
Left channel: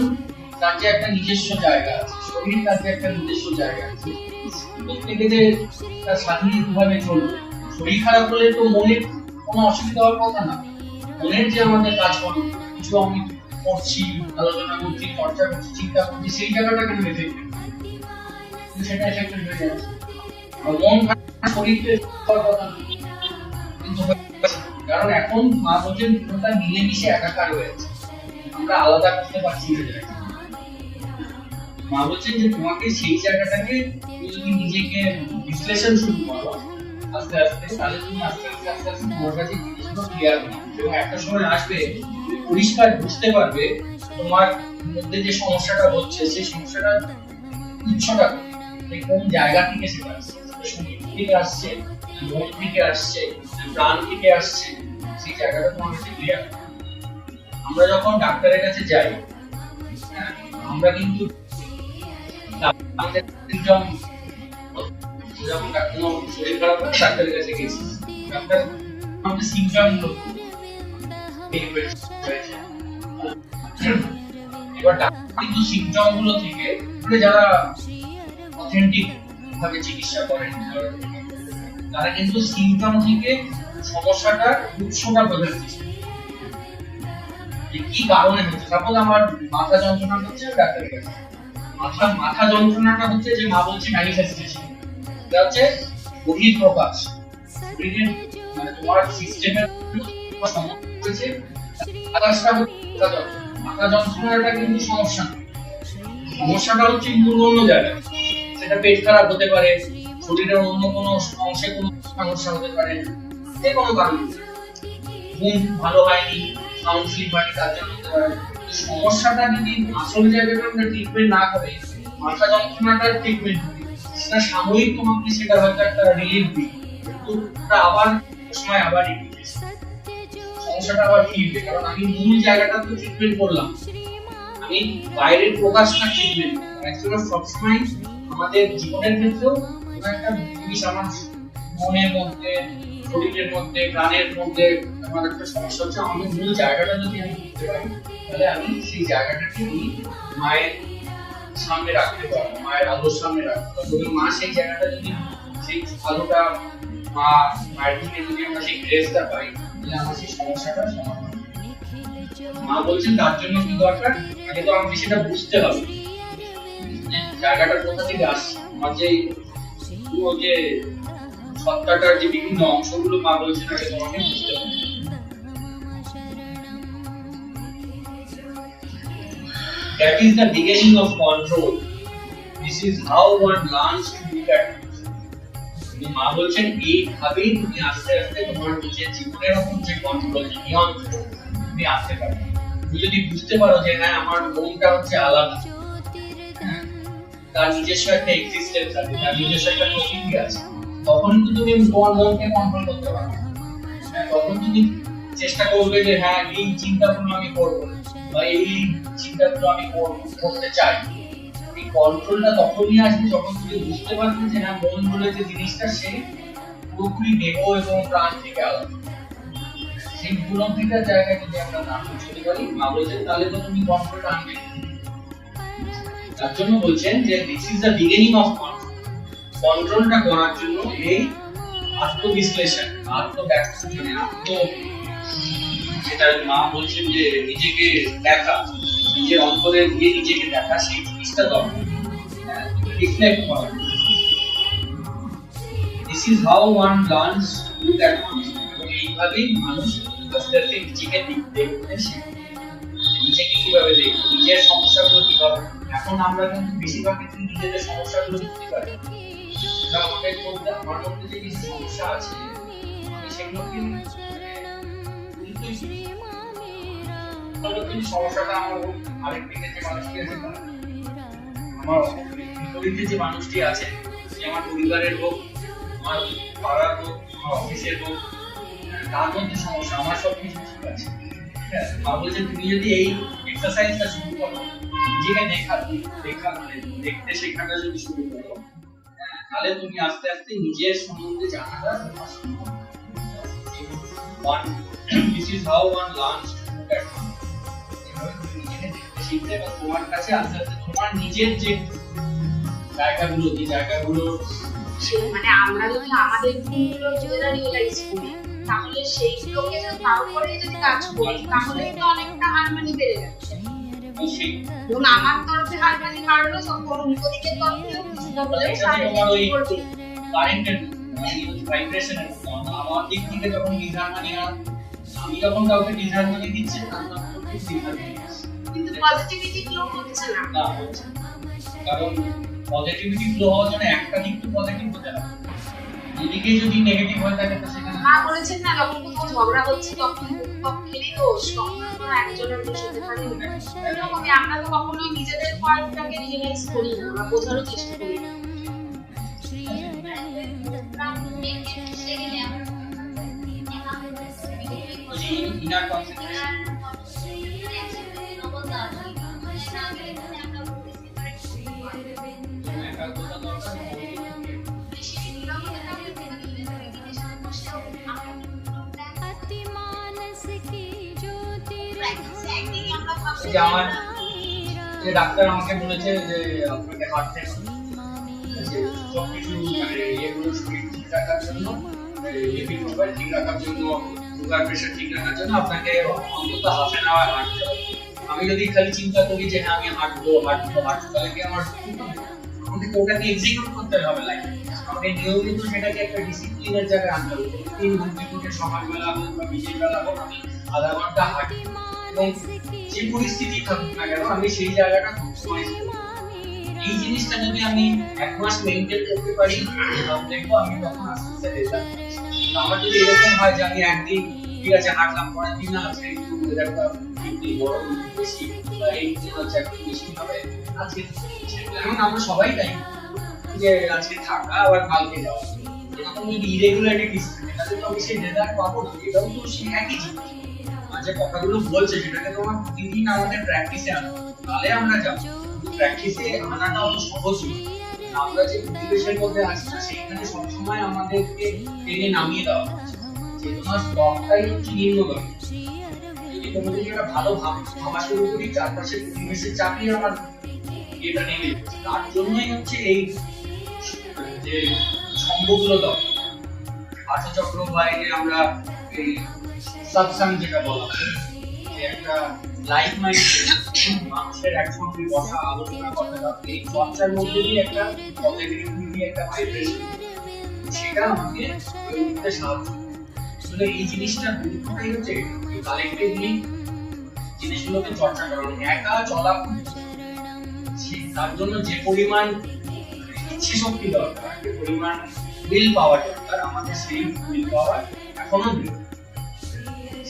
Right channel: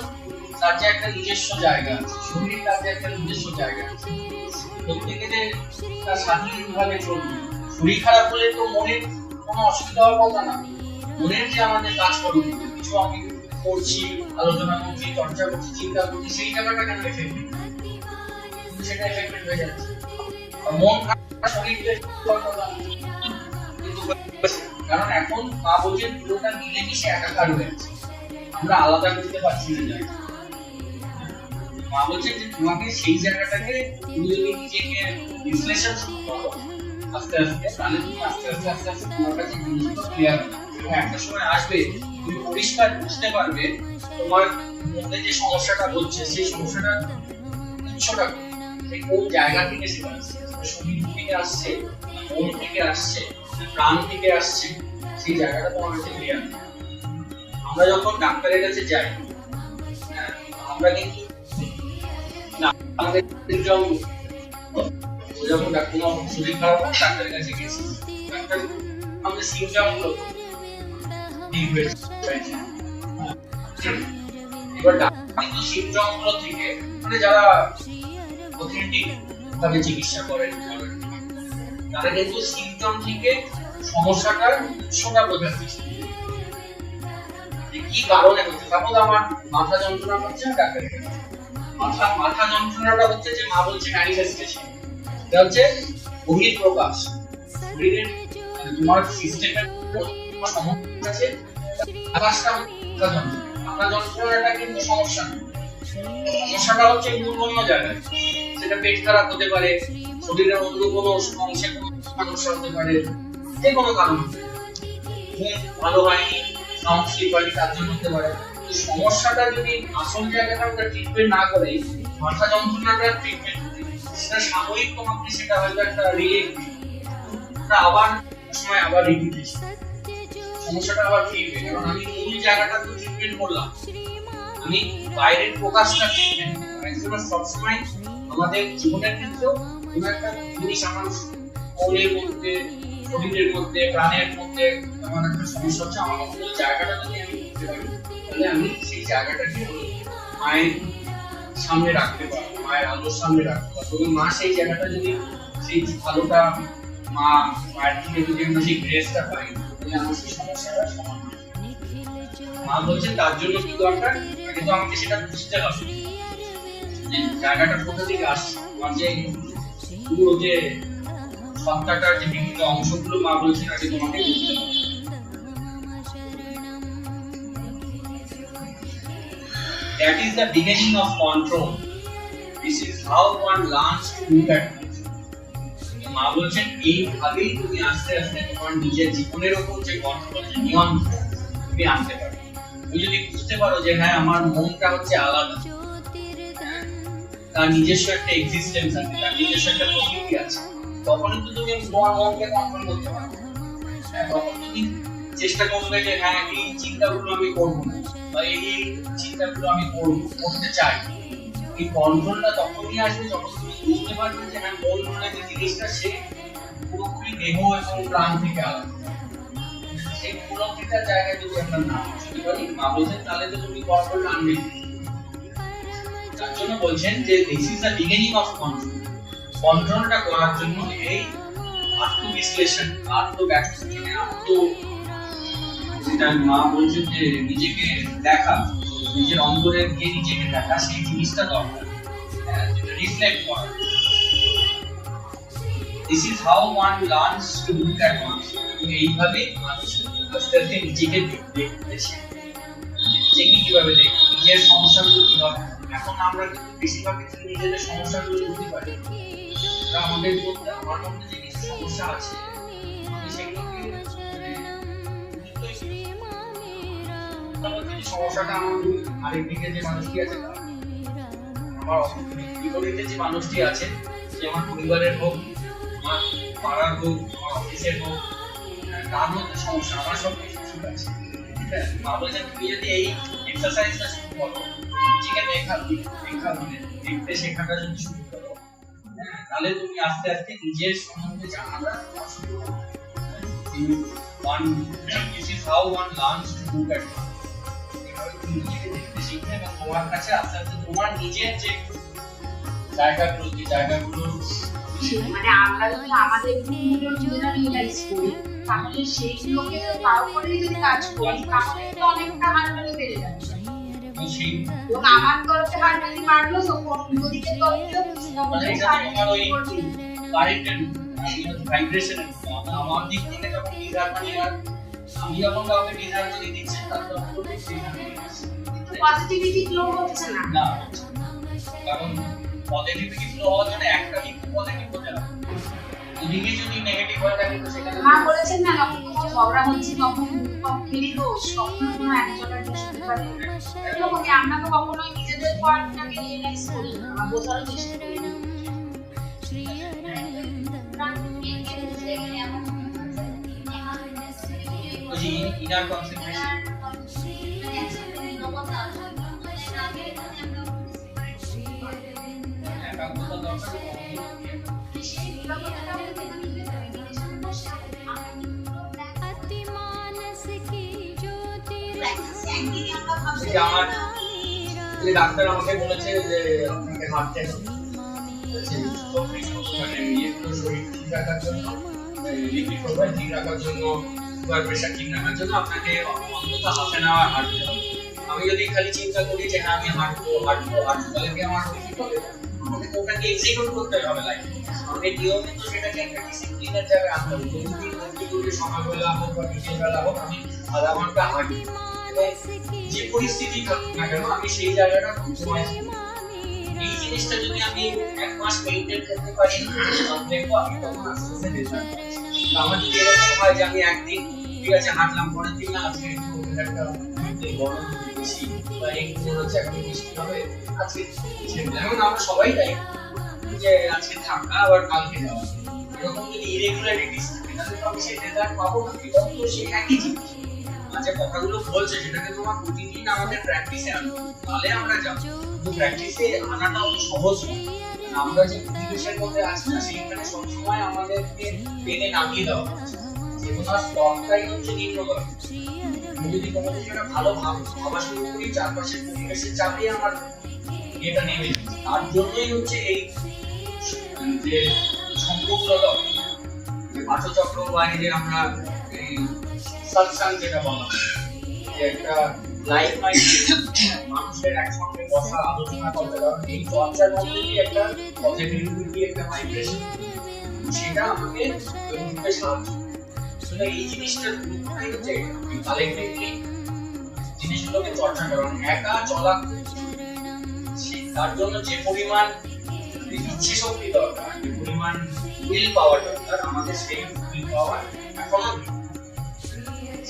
তার যে একটা নিজস্ব জায়গা আছে, শরীর তার যে একটা নিজস্ব জায়গা আছে, প্রত্যেকে যে তার স্বাধীনভাবে চলবে শরীর খারাপ হলে তো মনের কোনো অসুবিধা হওয়ার কথা না। মনের যে আমাদের কাজ করুক, কিছু আমি করছি, আলোচনা করছি, চর্চা করছি, চিন্তা করছি, সেই জায়গাটা কেন এফেক্টেড, কিন্তু সেটা এফেক্টেড হয়ে যাচ্ছে। আর মন খারাপ শরীর তো হওয়ার কথা না, কিন্তু কারণ এখন মা বলছেন পুরোটা মিলেমিশে একাকার হয়েছে, আমরা আলাদা করতে পারছি না জায়গা। মা বলছেন যে তোমাকে সেই জায়গাটাকে তুমি যদি নিজেকে বিশ্লেষণ শুরু করো আস্তে আস্তে, তাহলে তুমি আস্তে আস্তে আস্তে আস্তে তোমার কাছে জিনিসগুলো ক্লিয়ার হবে এবং একটা সময় আসবে তুমি পরিষ্কার বুঝতে পারবে তোমার মধ্যে যে সমস্যাটা হচ্ছে সেই সমস্যাটা উৎসটা কোন জায়গা থেকে সেটা আসছে, শরীর থেকে আসছে, মন থেকে আসছে, প্রাণ থেকে আসছে, সেই জায়গাটা তোমার কাছে ক্লিয়ার। আমরা যখন ডাক্তারের কাছে যাই, আমরা কিন্তু আমাদের সিমটম যখন কোনো শরীর খারাপ হয় ডাক্তারের কাছে গেছি, ডাক্তার আমাদের সিমটম গুলো এবার ডাক্তার কিন্তু সিমটম গুলো থেকে যারা অথেন্টিক ভাবে চিকিৎসা করেন তারা কিন্তু সিমটম থেকে সমস্যাটার উৎসটা বোঝার চেষ্টা করেন, কি কারণে হচ্ছে। সাপোজ আমার মাথা যন্ত্রণা হচ্ছে, ডাক্তারের কাছে মাথা যন্ত্রণাটা হচ্ছে যে মা বলছে ম্যানিফেস্টেশন, এটা হচ্ছে বহিঃপ্রকাশ, শরীরের মানে তোমার সিস্টেমের সমস্যা আছে। আকাশটা মাথা যন্ত্রণাটা কিন্তু সমস্যা না, সমস্যাটা হচ্ছে মূল অন্য জায়গায়, সেটা পেট খারাপ হতে পারে, শরীরের অন্য কোনো অংশে কোনো সমস্যা হতে পারে, যে কোনো কারণ হতে পারে, ঘুম ভালো হয়নি, সাউন্ড স্লিপ হয়নি, তার জন্য হতে পারে। সমস্যাটা যদি আসল জায়গাটা আমরা ট্রিটমেন্ট না করে মাথা যন্ত্রণাটার ট্রিটমেন্ট করি, সেটা সাময়িক তোমাকে সেটা হয়তো একটা রিলিফ দিই, কিন্তু আবার সময় আবার রিপিট সমস্যাটা আবার ফিরবে, কারণ আমি মূল জায়গাটা তো ট্রিটমেন্ট করলাম, আমি বাইরের প্রকাশটা ট্রিটমেন্ট অ্যাকচুয়ালি সবসময় আমাদের জীবনের ক্ষেত্রেও কোনো একটা জিনিস আমার মনের মধ্যে, শরীরের মধ্যে, প্রাণের মধ্যে আমার একটা সমস্যা হচ্ছে, আমার মূল জায়গাটা যদি আমি বুঝতে পারি তাহলে আমি সেই জায়গাটাকে আমি মায়ের সামনে রাখতে পারবো, মায়ের আলোর সামনে রাখতে পারবো। মা সেই জায়গাটা যদি সেই আলোটা মায়ের থেকে যদি আমরা সেই গ্রেসটা পাই তাহলে আমার সেই সমস্যাটা সমাধান। মা বলছেন তার জন্য কি দরকার, আগে তো আমাকে সেটা বুঝতে হবে যে জায়গাটা কোথা থেকে আসছে, আমার যে পুরো যে সত্তাটার যে বিভিন্ন অংশগুলো মা বলছেন আগে তোমাকে বুঝতে হবে। That is the beginning of control. This is how one learns to look at things. মা বলছেন এইভাবেই তুমি আস্তে আস্তে তোমার নিজের জীবনের উপর যে কন্ট্রোল, যে নিয়ন্ত্রণ তুমি আনতে পারবে। তুমি যদি বুঝতে পারো যে হ্যাঁ আমার মনটা হচ্ছে আলাদা, তার নিজস্ব একটা এক্সিস্টেন্স আছে, তার নিজস্ব একটা প্রকৃতি আছে, তখন কিন্তু তুমি তোমার মনকে কন্ট্রোল করতে পারবে। তখন তুমি চেষ্টা করবে যে হ্যাঁ এই চিন্তাগুলো আমি করবো না, বা এই চিন্তাগুলো আমি করতে চাই। এই কন্ট্রোলটা তখনই আসবে যখন তুমি বুঝতে পারবে যে হ্যাঁ মন বলে যে জিনিসটা সে পুরোপুরি দেহ এবং প্রাণ থেকে আলাদা। সেই পুরোপুরিটার জায়গায় যদি আমরা না পৌঁছতে পারি, মা বলছেন তাহলে তো তুমি কন্ট্রোলটা আনবে। তার জন্য বলছেন যে this is the beginning of control. কন্ট্রোলটা করার জন্য এই আত্মবিশ্লেষণ, যেটা মা বলছেন যে নিজেকে দেখা, নিজের অন্তরে গিয়ে নিজেকে দেখা, সেই জিনিসটা দরকার, রিফ্লেক্ট করা। This is how one learns to look at oneself. এবং এইভাবেই মানুষ আস্তে আস্তে নিজেকে দেখতে শেখে, নিজেকে কিভাবে দেখবে, নিজের সমস্যাগুলো কিভাবে। এখন আমরা কিন্তু বেশিরভাগ ক্ষেত্রে নিজেদের সমস্যাগুলো বুঝতে পারি, আমাদের মধ্যে আমার মধ্যে যে কিছু সমস্যা আছে আমি সেগুলোকে সমস্যাটা আমার আরেকদিকে যে মানুষটি আছে, আমার বিপরীতে যে মানুষটি আছে, সে আমার পরিবারের হোক, আমার পাড়ার হোক, আমার অফিসের হোক, তার মধ্যে সমস্যা, আমার সবকিছু ঠিক আছে। মা বলছেন তুমি যদি এই এক্সারসাইজটা শুরু করো, নিজেকে দেখতে শেখাটা যদি শুরু করো, তাহলে তুমি আস্তে আস্তে নিজের সম্বন্ধে জানাটা তোমার শুরু হবে। This is how one learns to look at oneself. এভাবে তুমি নিজেকে দেখতে শিখবে এবং তোমার কাছে আস্তে আস্তে তোমার নিজের যে জায়গাগুলো মানে আমরা যদি আমাদের ভুলগুলো নিজেরা রিয়েলাইজ করি, তাহলে সেইগুলোকে তার উপরে যদি কাজ করি, তাহলে তো অনেকটা হারমোনি বেড়ে যাচ্ছে। এবং আমার তরফে হারমোনি বাড়লো, তখন উল্টো দিকের তরফেও কিছুটা হলে তোমার ওই কারেন্টের ভাইব্রেশন আমার দিক থেকে যখন ডিসহারমনি, আর আমি যখন কাউকে ডিসহারমনি দিচ্ছি তার তখন ডিসহারমনি, কিন্তু পজিটিভিটি ফ্লো হচ্ছে না। না হচ্ছে না। কারণ পজিটিভিটি ফ্লো হওয়ার জন্য একটা দিক তো পজিটিভ হতে হবে, এদিকে যদি নেগেটিভ হয়ে থাকে তো সেখানে মা বলেছেন না, যখন ঝগড়া হচ্ছে তখন পক্ষেরই দোষ, তখন কোনো একজনের দোষ হতে পারে না। এরকমই আমরা তো কখনোই নিজেদের পয়েন্টটাকে রিয়েলাইজ করি না, আমরা বোঝারও চেষ্টা করি না। ওই যে ইনার কনসেন্ট্রেশন, একাগ্রতা দরকার। अति मानस की ज्योतिर्धन এই যে আমার এই ডাক্তার আমাকে বলেছে যে আপনাকে হাঁটতে হবে, সবকিছু মানে এগুলো শরীর ঠিক রাখার জন্য, লিপিড প্রোফাইল ঠিক রাখার জন্য, সুগার প্রেশার ঠিক রাখার জন্য আপনাকে অন্তত হাফ অ্যান আওয়ার হাঁটতে হবে। আমি যদি খালি চিন্তা করি যে হ্যাঁ আমি হাঁটবো তাহলে কি আমার ঠিক হবে? আমাকে ওটাকে এক্সিকিউট করতে হবে লাইফে। আমাকে নিয়মিত সেটাকে একটা ডিসিপ্লিনের জায়গায় আনতে হবে। প্রতিদিন ঘন্টা করে সকালবেলা হোক বা বিকেলবেলা হোক আমি আধা ঘন্টা হাঁটি, এবং যে পরিস্থিতি থাকুক না কেন আমি সেই জায়গাটা কম্প্রোমাইজ করি। এই জিনিসটা যদি আমি এক মাস মেইনটেইন করতে পারি, দেখবো আমি তখন আস্তে আস্তে রেজাল্ট পাচ্ছি। আমার যদি এরকম হয় যে আমি একদিন ঠিক আছে হাঁটলাম, পরের দিন না আজকে একটু ওয়েদারটা গরম বেশি বা এই দিন হচ্ছে এখন বৃষ্টি হবে, আজকে যেমন আমরা সবাই তাই যে আজকে থাকা আবার কালকে যাওয়া, এরকম যদি ইরেগুলারিটিস থাকে তাহলে তো আমি সেই রেজাল্ট পাবো না। এটাও তো সেই একই জিনিস, যে কথাগুলো বলছে সেটাকে তোমার প্রতিদিন আমাদের প্র্যাকটিসে আনতে হবে, তাহলে আমরা যাবো। কিন্তু প্র্যাকটিসে আনাটা অত সহজ নয়। আমরা যে পরিবেশের মধ্যে আছি না সেখানে সবসময় আমাদেরকে টেনে নামিয়ে দেওয়া হচ্ছে, চেতনার স্তরটাই হচ্ছে নিম্নগামী। আমি যদি কোনো কিছু একটা ভালো ভাবা শুরু করি, চারপাশের পরিবেশের চাপে আমার এটা নেমে যাচ্ছে। তার জন্যই হচ্ছে এই যে সম্ভবগুলো দরকার, পাঠচক্র বা এই যে আমরা এই সৎসঙ্গ যেটা বলা হয়, যে একটা লাইফ মাইন্ডে মানুষের একসঙ্গে বসা আলোচনা করতে হবে, এই চর্চার মধ্যে দিয়ে একটা পজিটিভিটি একটা ভাইব্রেশন সেটা আমাকে উঠতে সাহায্য করে। আসলে এই জিনিসটা গুরুত্বটাই হচ্ছে কালেক্টিভলি জিনিসগুলোকে চর্চা করা, একা চলা তার জন্য যে পরিমাণ ইচ্ছে শক্তি দরকার, যে পরিমাণ উইল পাওয়ার দরকার, আমাদের সেই উইল পাওয়ার এখনো নেই।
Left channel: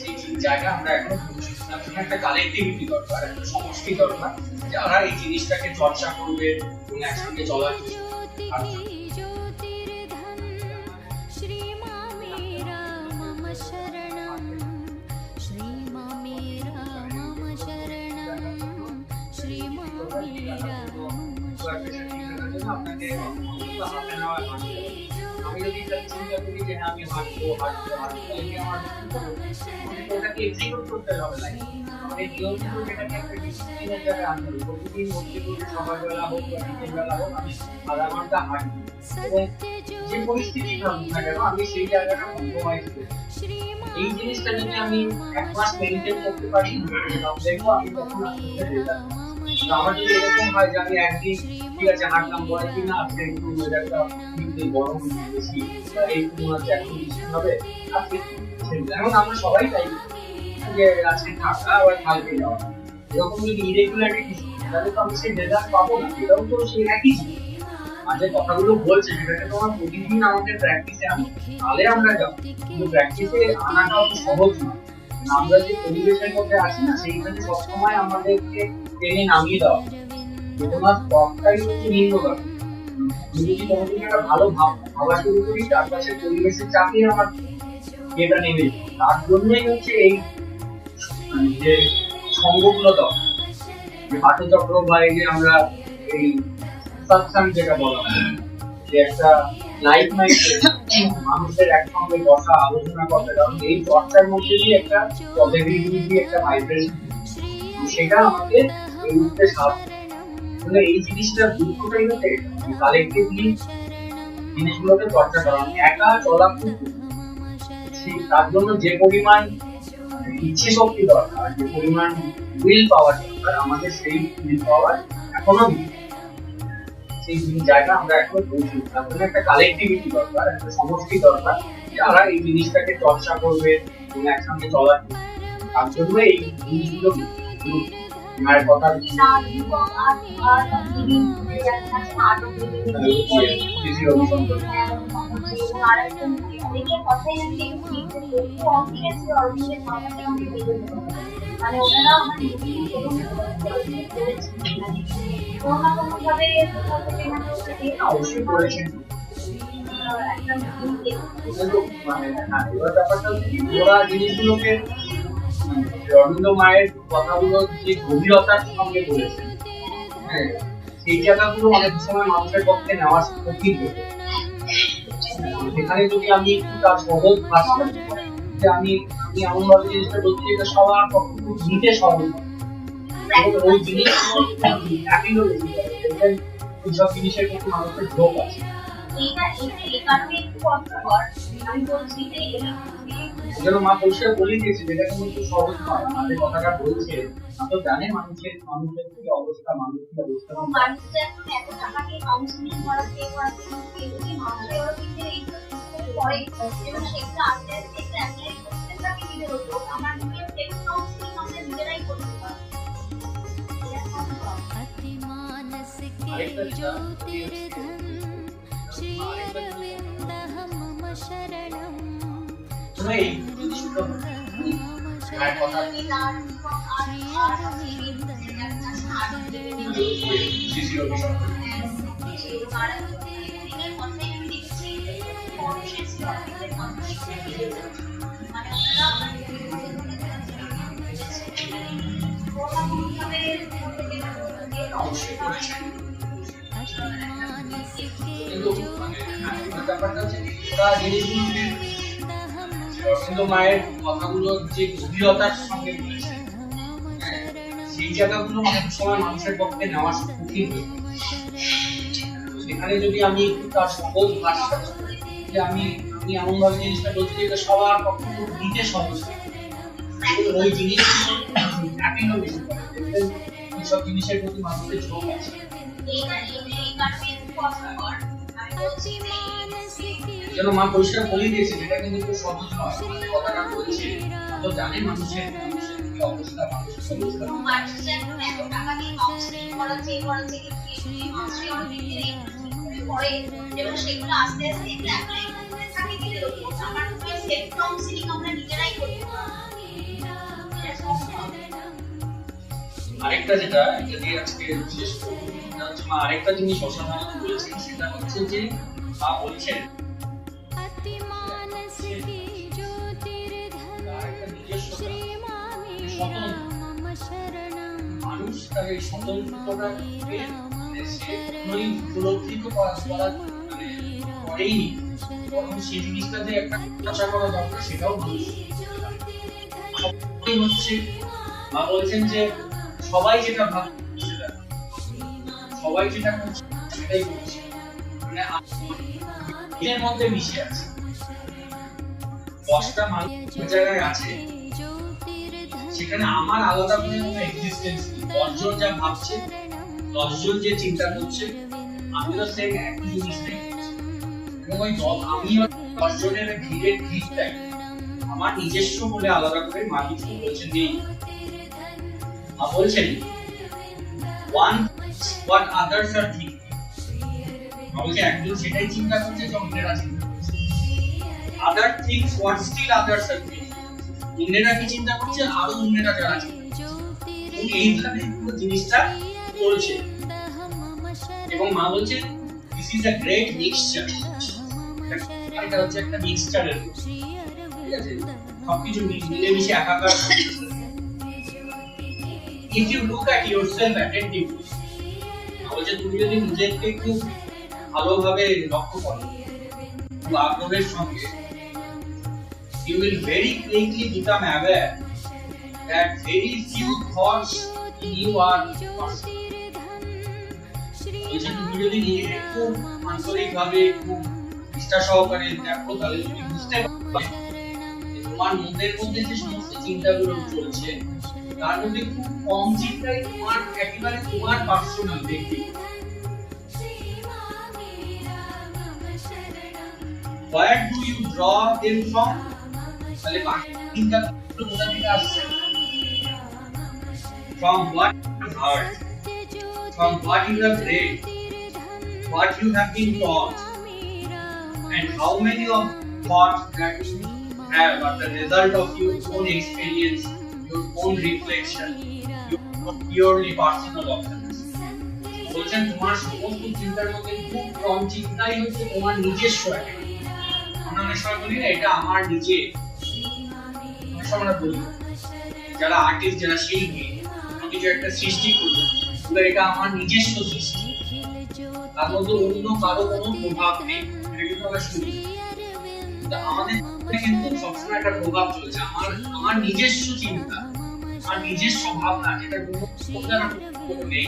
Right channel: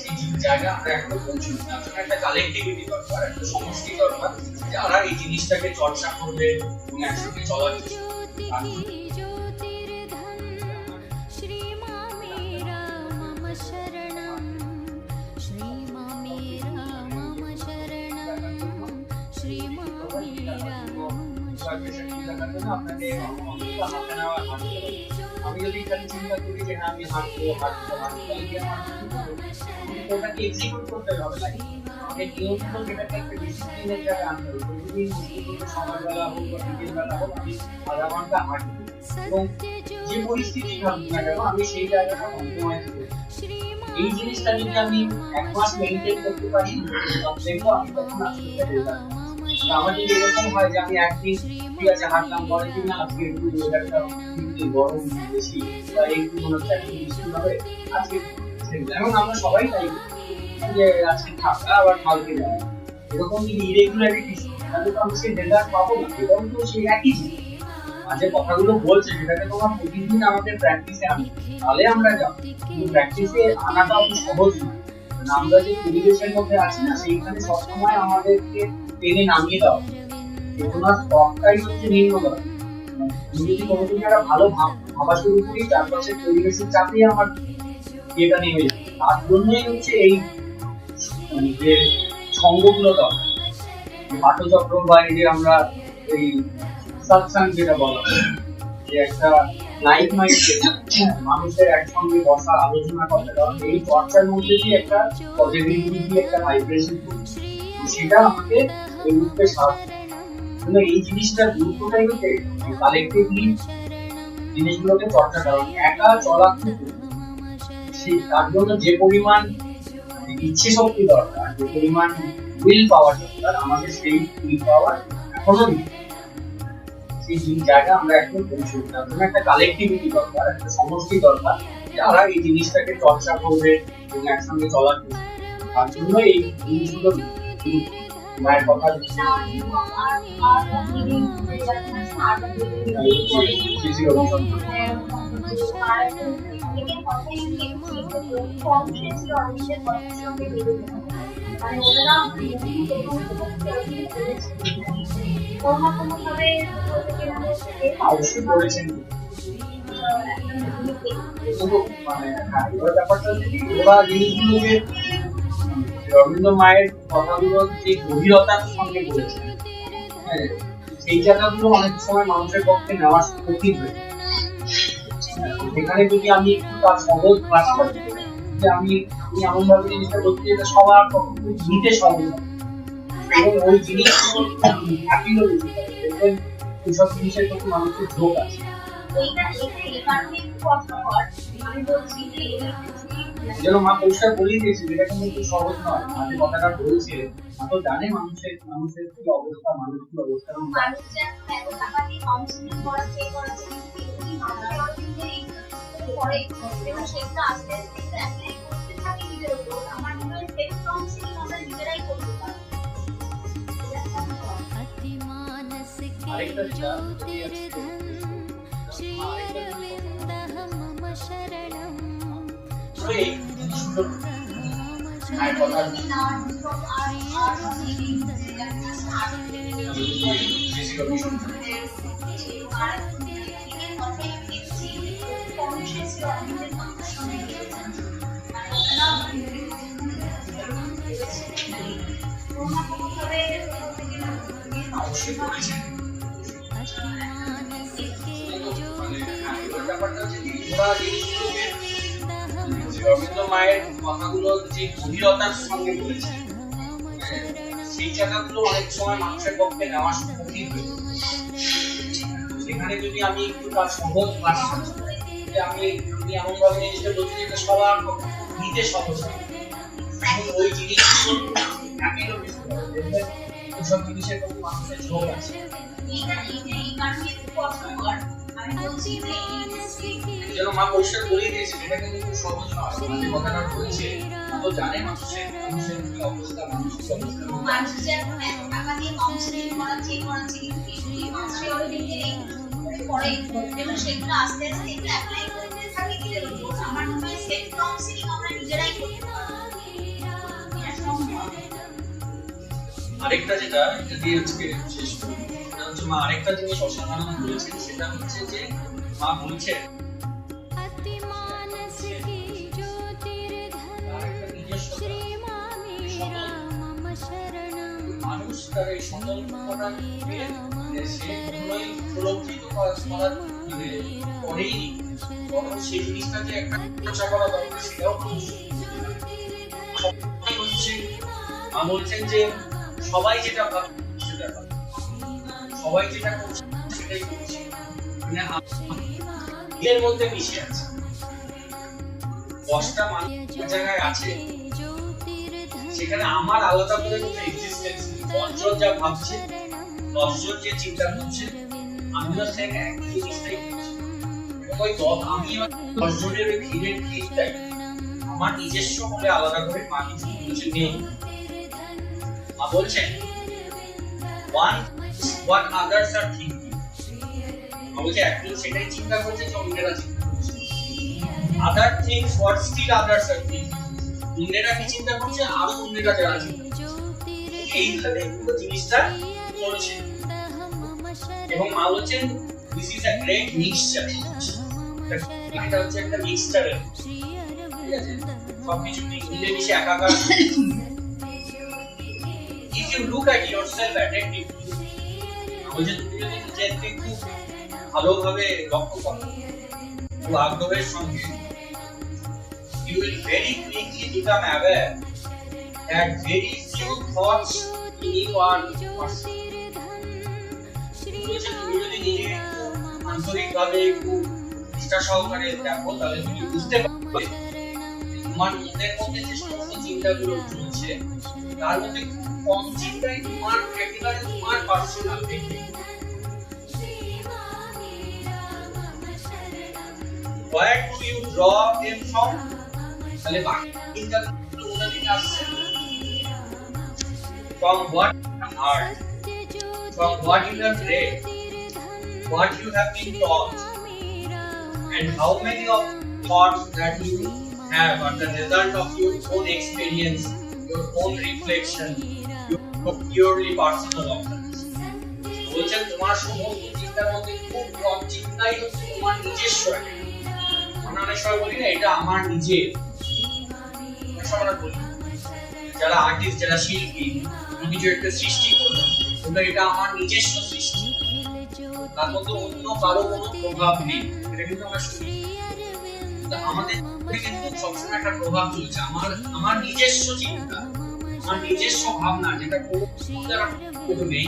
সেই জায়গা আমরা এখনো পৌঁছাইনি। তার জন্য একটা কালেক্টিভিটি দরকার, একটা সমষ্টি দরকার, যারা এই জিনিসটাকে চর্চা করবে এবং একসঙ্গে চলার চেষ্টা করবে। श्री मां मेरा मम शरणं, श्री मां मेरा मम शरणं, श्री मां मेरा मम शरणं। আপনাকে অন্তত হাফ অ্যান আওয়ার হাঁটতে হবে। আমি যদি খালি চিন্তা করি যে হ্যাঁ আমি হাঁটবো তাহলে কি আমার ঠিক হবে? আমাকে ওটাকে এক্সিকিউট করতে হবে লাইফে। আমাকে নিয়মিত সেটাকে একটা ডিসিপ্লিনের জায়গায় আনতে হবে। প্রতিদিন ঘন্টা করে সকালবেলা হোক বা বিকেলবেলা হোক আমি আধা ঘন্টা হাঁটবো, এবং যে পরিস্থিতি থাকুক না কেন আমি সেই জায়গাটা কম্প্রোমাইজ করি। এই জিনিসটা যদি আমি এক মাস মেইনটেইন করতে পারি, তাহলে দেখবো আমি তখন আস্তে আস্তে রেজাল্ট পাচ্ছি। আমার যদি এরকম হয় যে আমি একদিন ঠিক আছে হাঁটলাম, পরের দিন না আজকে একটু ওয়েদারটা গরম বেশি বা একটু মনে হচ্ছে এখন বৃষ্টি হবে, আজকে যেমন আমরা সবাই তাই যে আজকে থাকা আবার কালকে যাওয়া, এরকম যদি ইরেগুলারিটিস তাহলে তো আমি সেই রেজাল্ট পাবো না। এটাও তো সেই একই জিনিস, যে কথাগুলো বলছে সেটাকে তোমার প্রতিদিন আমাদের প্র্যাকটিসে আনতে হবে, তাহলে আমরা যাবো। কিন্তু প্র্যাকটিসে আনাটা অত সহজ নয়। আমরা যে পরিবেশের মধ্যে আছি না সেইখানে সবসময় আমাদেরকে টেনে নামিয়ে দেওয়া হচ্ছে, চেতনার স্তরটাই হচ্ছে নিম্নগামী। আমি যদি কোনো কিছু একটা ভালো ভাবা শুরু করি, চারপাশের পরিবেশের চাপে আমার এটা নেমে যাবে। তার জন্যই হচ্ছে এই যে সঙ্গগুলো দরকার, যে পাঠচক্র বা এই যে আমরা এই সৎসঙ্গ যেটা বলা হয়, যে একটা লাইফ মাইন্ডে মানুষের একসঙ্গে বসা আলোচনা করতে, কারণ এই চর্চার মধ্যে দিয়ে একটা পজিটিভিটি একটা ভাইব্রেশন সেটা আমাকে উঠতে সাহায্য করে। এই জিনিসটার গুরুত্বটাই হচ্ছে কালেক্টিভলি জিনিসগুলোকে চর্চা করা, একা চলা কিন্তু তার জন্য যে পরিমাণ ইচ্ছে শক্তি দরকার, যে পরিমাণ উইল পাওয়ার দরকার, আমাদের সেই উইল পাওয়ার এখনো নেই। সেই জায়গা আমরা এখনো পৌঁছাই। তার জন্য একটা কালেক্টিভিটি দরকার, একটা সমষ্টি দরকার, যারা এই জিনিসটাকে চর্চা করবে এবং একসঙ্গে চলার চেষ্টা করবে। তার জন্য এই জিনিসগুলো মায়ের কথা অবশ্যই বলেছেন। কিন্তু মানে এবার ব্যাপারটা হচ্ছে কি, ওরা জিনিসগুলোকে অরবিন্দ মায়ের কথাগুলো যে গভীরতার সঙ্গে বলেছেন, হ্যাঁ, সেই জায়গাগুলো অনেক সময় মানুষের পক্ষে নেওয়া কঠিন হয়ে যায়। সেখানে যদি আমি একটু তার সহজ ভাষা, যে আমি এমন ভাবে জিনিসটা বলতে যেটা সবার পক্ষে নিতে সহজ, এবং ওই জিনিস অ্যাপিলও বেশি করে, দেখবেন এইসব জিনিসের প্রতি মানুষের ঝোঁক আছে। যেন মা পরিষ্কার বলে দিয়েছে, যেটা কিন্তু সহজ নয়। মাঝে কথাটা বলছে, মা তো জানে মানুষের কি অবস্থা, মানুষ কি অবস্থা। अतिमानस के ज्योतिर्धन श्री अरविंदः मम शरणं श्री অরবিন্দ মায়ের কথাগুলো যে গভীরতার সঙ্গে বলেছে, সেই জায়গাগুলো অনেক সময় মানুষের পক্ষে নেওয়া কঠিন হয়ে যায়। সেখানে যদি আমি একটু তার সহজ ভাষা, যে আমি এমন ভাবে জিনিসটা বলতে যেটা সবার পক্ষে নিতে সহজ, ওই জিনিসগুলো অ্যাপিলও বেশি করে, দেখবেন এইসব জিনিসের প্রতি মানুষের ঝোঁক আছে। যেন মা পরিষ্কার বলে দিয়েছে, যেটা কিন্তু সহজ নয়। মাঝে কথাটা বলছে, তো জানে মানুষের কি অবস্থা, মানুষ কি অবস্থা। আরেকটা যেটা এটা দিয়ে আজকে শেষ করবো, সেটা হচ্ছে মা আরেকটা জিনিস অসাধারণ বলেছেন, সেটা হচ্ছে যে মা বলছেন अतिमानस की ज्योतिर्धन श्री मेरा मम शरणं মানুষ তার এই স্বতন্ত্রতাকে উপলব্ধি তো করেই, তখন সেই জিনিসটা যে একটা চর্চা করা দরকার, সেটাও মানুষ হচ্ছে। মা বলছেন যে সবাই যেটা ভাবছে সেটা ভাবছে, সবাই যেটা করছে সেটাই করছে, মানে এর মধ্যে মিশে আছে। 10টা মানুষ জায়গায় আছে, সেখানে আমার আলাদা করে কোনো এক্সিস্টেন্স নেই। 10 জন যা ভাবছে, 10 জন যে চিন্তা করছে, আমিও সেম একই জিনিসটাই করছি। এবং ওই আমি 10 জনের ভিড়ের ভিড়টাই আমার নিজস্ব বলে আলাদা করে মা কিছু বলছে নেই। মা বলছেন one what others are thinking, বলছে একজন সেটাই চিন্তা করছে যে অন্যরা চিন্তা করছে। other things what still others are thinking, অন্যরা কি চিন্তা করছে, আরো অন্যরা যারা চিন্তা করছে, এইভাবে পুরো জিনিসটা চলছে। এবং মা বলছেন this is a great mixture, এটা হচ্ছে একটা মিক্সচারের, ঠিক আছে, সবকিছু মিলেমিশে একাকার। if you look at yourself attentively, বলছে তুমি যদি নিজেকে একটু ভালোভাবে লক্ষ্য করো, খুব আগ্রহের সঙ্গে, you will very quickly become aware that very few thoughts in you are personal. বলছে তুমি যদি নিজেকে একটু আন্তরিকভাবে একটু নিষ্ঠা সহকারে দেখো তাহলে তুমি বুঝতে পারবে তোমার মনের মধ্যে যে সমস্ত চিন্তাগুলো চলছে তার মধ্যে খুব কম চিন্তাই তোমার একেবারে তোমার পার্সোনাল ব্যক্তি। Where do you draw them from? তাহলে বাকি চিন্তাগুলো কোথা থেকে আসছে? From what you heard, from what you have read, what you have been taught, and how many of thoughts that you have are the result of your own experience, your own reflection, your purely personal observation. বলছেন তোমার সমস্ত চিন্তার মধ্যে খুব কম চিন্তাই হচ্ছে তোমার নিজস্ব একটা। আমরা অনেক সময় বলি না এটা আমার নিজের, অনেক সময় আমরা বলি যারা আর্টিস্ট যারা শিল্পী কিছু একটা সৃষ্টি করলো কিন্তু এটা আমার নিজস্ব সৃষ্টি, তার মধ্যে অন্য কারো কোনো প্রভাব নেই, এটা কিন্তু আমরা শুনি। আমাদের কিন্তু সবসময় একটা প্রভাব চলছে আমার নিজস্ব চিন্তা, আমার নিজস্ব ভাবনা, যেটা কোনো নেই,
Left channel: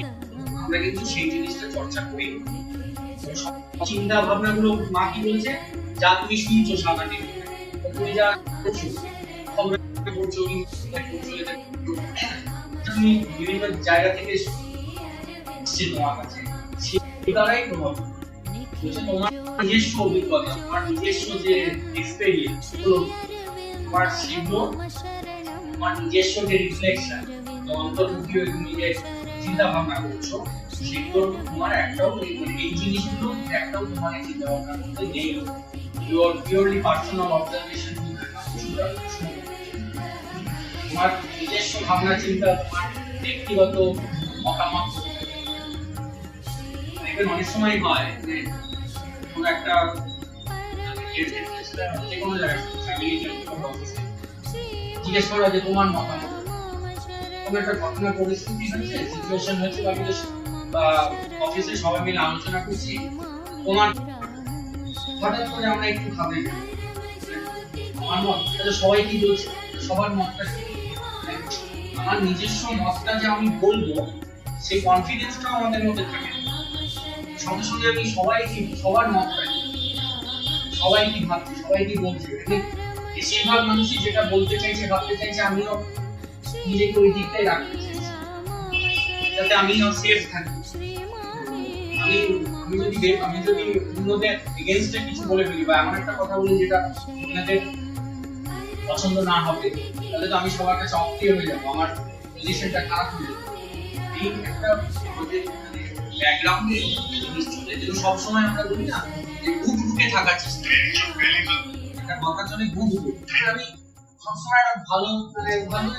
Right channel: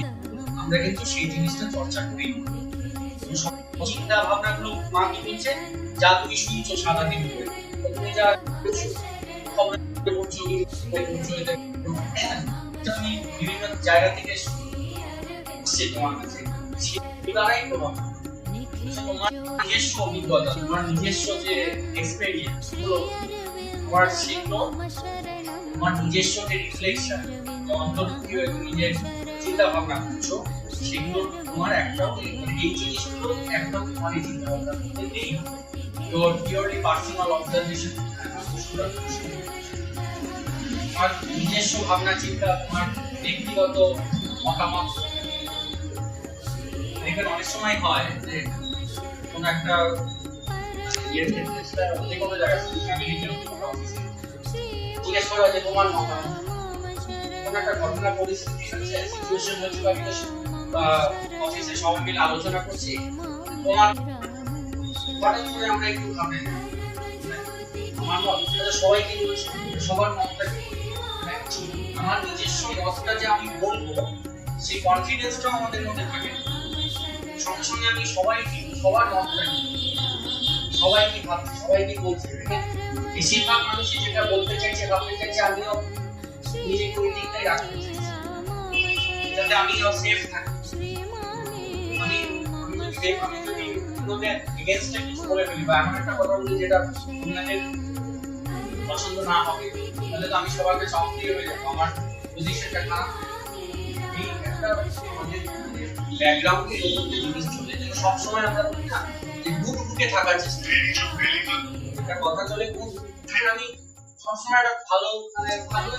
আমরা কিন্তু সেই জিনিসটা চর্চা করি। চিন্তা ভাবনা গুলো মা কি বলছে, যা তুমি শুনছো সারাদিন ধরে, তুমি যা করছো খবরে পড়ছো কি পড়ছো, এটা তুমি বিভিন্ন জায়গা থেকে সে তোমার কাছে সেটাই প্রভাব। তোমার নিজস্ব অভিজ্ঞতা, তোমার নিজস্ব যে এক্সপেরিয়েন্স গুলো, তোমার সেগুলো, তোমার নিজস্ব যে রিফ্লেকশন, অন্তর্মুখী হয়ে তুমি যে চিন্তা ভাবনা করছো, সেগুলো তোমার একটাও এই জিনিসগুলো একটাও তোমার এই চিন্তা ভাবনার মধ্যে নেই। ইউর পিওরলি পার্সোনাল অবজারভেশন, তোমার নিজস্ব ভাবনা চিন্তা, তোমার ব্যক্তিগত মতামত। দেখবেন অনেক সময় হয় যে কোনো একটা যে কোনো জায়গায় ফ্যামিলিতে জিজ্ঞেস করা যে তোমার মতামত, কোনো একটা ঘটনা পরিস্থিতি হয়েছে, সিচুয়েশন হয়েছে বা অফিসে সবাই মিলে আলোচনা করছি, তোমার হঠাৎ করে আমরা একটু ভাবি আমার মত, সবাই কি বলছে, সবার মতটা, আমার নিজস্ব মতটা যে আমি বলবো সেই কনফিডেন্সটাও আমাদের মধ্যে থাকে। সঙ্গে সঙ্গে আমি সবার মতটা, সবাই কি ভাবছে, সবাই কি বলছে, বেশিরভাগ মানুষই যেটা বলতে চাইছে ভাবতে চাইছে আমিও নিজেকে ওই দিকটাই রাখতে চাইছি যাতে আমিও সেফ থাকি। আমি যদি অন্যদের এগেইনস্টে কিছু বলে ফেলি বা এমন একটা কথা বলি যেটা অন্যদের পছন্দ না হবে, তাহলে তো আমি সবার কাছে অপ্রিয় হয়ে যাবো, আমার পজিশনটা খারাপ হয়ে যাবে। এই একটা আমাদের ব্যাকগ্রাউন্ডে জিনিস চলে, যেগুলো সবসময় আমরা বলি না যে বুক ঢুকে থাকার চেষ্টা, একটা কথা চলে বুক ঢুকে। আমি সবসময় একটা ভালো ভালো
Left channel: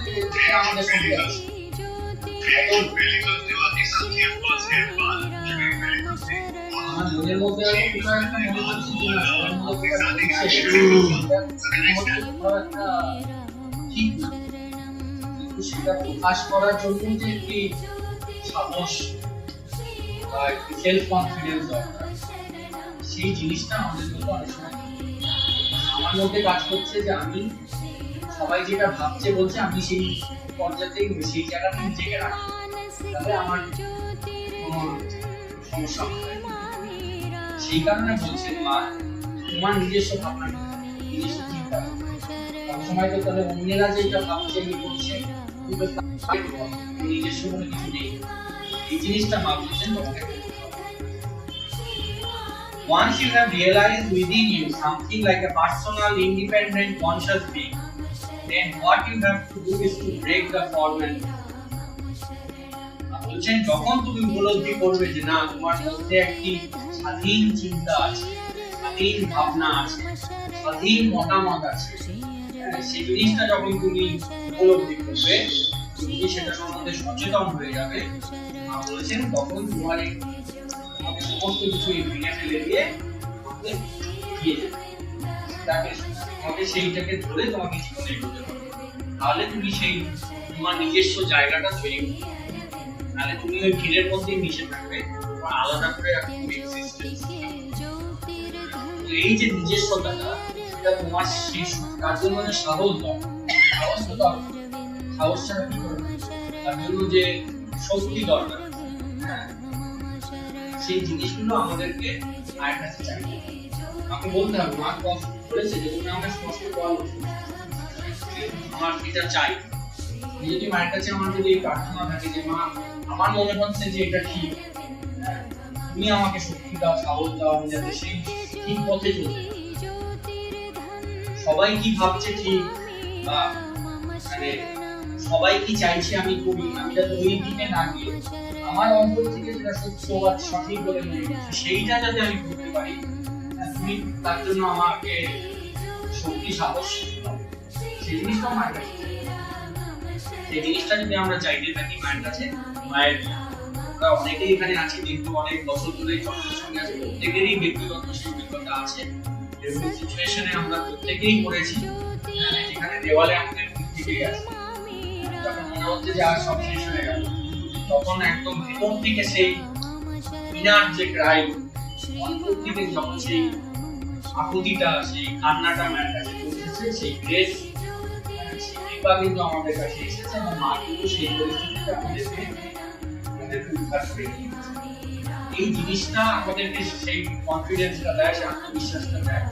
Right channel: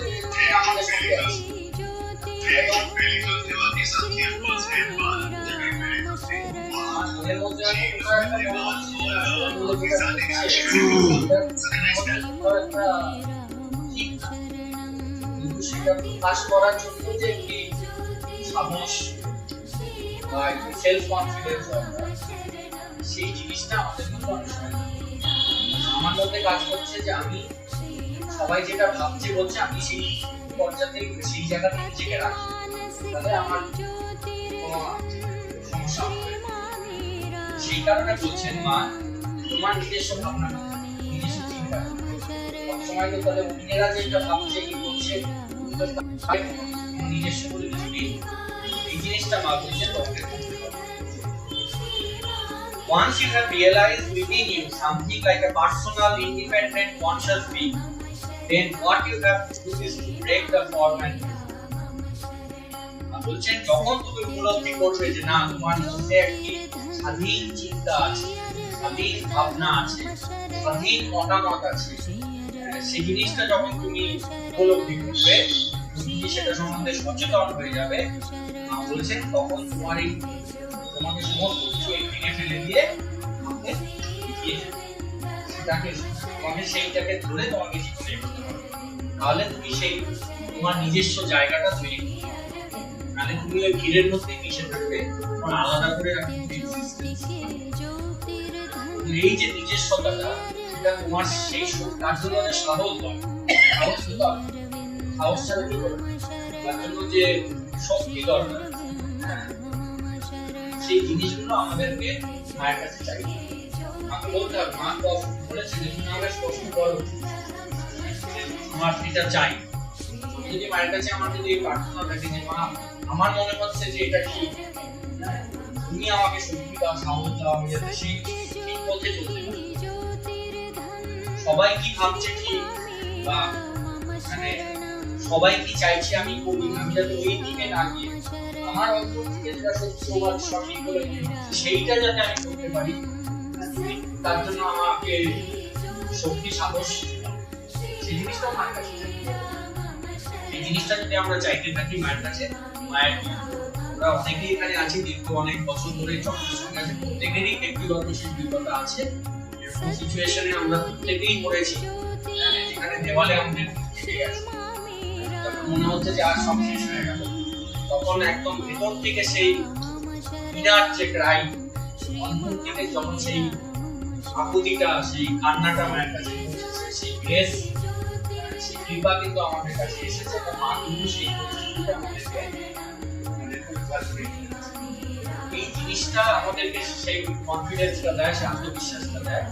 আমাদের সঙ্গে আছে, আমার মনের মধ্যে একটা মনে হচ্ছে ঠিক না, কিন্তু সেটা প্রকাশ করার জন্য যে একটি সাহস বা একটি সেলফ কনফিডেন্স দরকার, সেই জিনিসটা আমাদের মধ্যে অনেক সময় আমার মধ্যে কাজ করছে যে আমি সবাই যেটা ভাবছে বলছে আমি সেই পর্যায়ে সেই জায়গাতে নিজেকে রাখি, তাহলে আমার কোনো সমস্যা হবে। সেই কারণে বলছেন মা তোমার নিজস্ব ভাবনা, নিজস্ব চিন্তা, সবসময় তো তাহলে অন্যেরা যেটা ভাবছে কি করছে নিজস্ব বলে কিছু নেই, এই জিনিসটা মা বলছেন তোমাকে। Once you have realized within you something like a personal, independent, conscious being, then what you have to do is to break the form and বলছেন যখন তুমি উপলব্ধি করবে যে না তোমার মধ্যে একটি স্বাধীন চিন্তা আছে, স্বাধীন ভাবনা আছে, স্বাধীন মতামত আছে, সেই জিনিসটা যখন তুমি উপলব্ধি করবে, তুমি সেটা সম্বন্ধে সচেতন হয়ে যাবে, বলছেন তখন তোমাকে সমস্ত কিছু ভেঙে ফেলে দিয়ে তোমাকে এগিয়ে যাবে, তোমাকে সেইটাকে ধরে তোমাকে জীবনে এগোতে হবে, তাহলে তুমি সেই তোমার নিজস্ব জায়গাটা তৈরি করতে পারবে। নাহলে তুমি ওই ভিড়ের মধ্যেই মিশে থাকবে, তোমার আলাদা করে এই যে নিজস্বতাটা সেটা তোমার সেই তার জন্য সাহস দরকার, সাহস ছাড়া কি করবে, তার জন্য যে শক্তি দরকার, সেই জিনিসগুলো আমাদেরকে মায়ের কাছে চাইতে হবে। মাকে বলতে হবে, মা তো বলেছে যে তুমি আমাকে স্পষ্ট বলো যে আমার এটা চাই। আমি যদি মায়ের কাছে আমার যদি এই প্রার্থনা থাকে যে মা আমার মনে হচ্ছে যে এটা ঠিক, হ্যাঁ, তুমি আমাকে শক্তি দাও, সাহস দাও, আমি যাতে সেই ঠিক পথে চলতে পারি। সবাই কি ভাবছে ঠিক বা মানে সবাই কি চাইছে আমি করি, আমি যাতে ওই দিকে না গিয়ে আমার অন্তর থেকে যেটা সত্য বা সঠিক বলে মনে হচ্ছে সেইটা যাতে আমি করতে পারি, তুমি তার জন্য আমাকে শক্তি সাহস দাও। সেই জিনিসটাও মায়ের কাছে, এই জিনিসটা যদি আমরা চাইতে থাকি মায়ের কাছে, মায়ের আমরা অনেকেই এখানে আছি দীর্ঘ অনেক বছর ধরে চক্রের সঙ্গে আছে, প্রত্যেকেরই ব্যক্তিগত সেই অভিজ্ঞতা আছে, এরকম সিচুয়েশনে আমরা প্রত্যেকেই পড়েছি এখানে দেওয়ালে আমাদের ঠেকে গেছে, যখন মনে হচ্ছে যে আর সব শেষ হয়ে গেল, তখন একদম ভেতর থেকে সেই ইনার যে ক্রাই, অন্তর থেকে যখন সেই আকুতিটা, সেই কান্নাটা মায়ের কাছে পৌঁছেছে, সেই গ্রেস, সেই কৃপা কিন্তু আমাদের কাছে এসেছে এবং মা কিন্তু সেই পরিস্থিতিটা আমাদেরকে উদ্ধার করে দিয়েছে। এই জিনিসটা আমাদেরকে সেই কনফিডেন্সটা দেয়, সেই আত্মবিশ্বাসটা দেয়,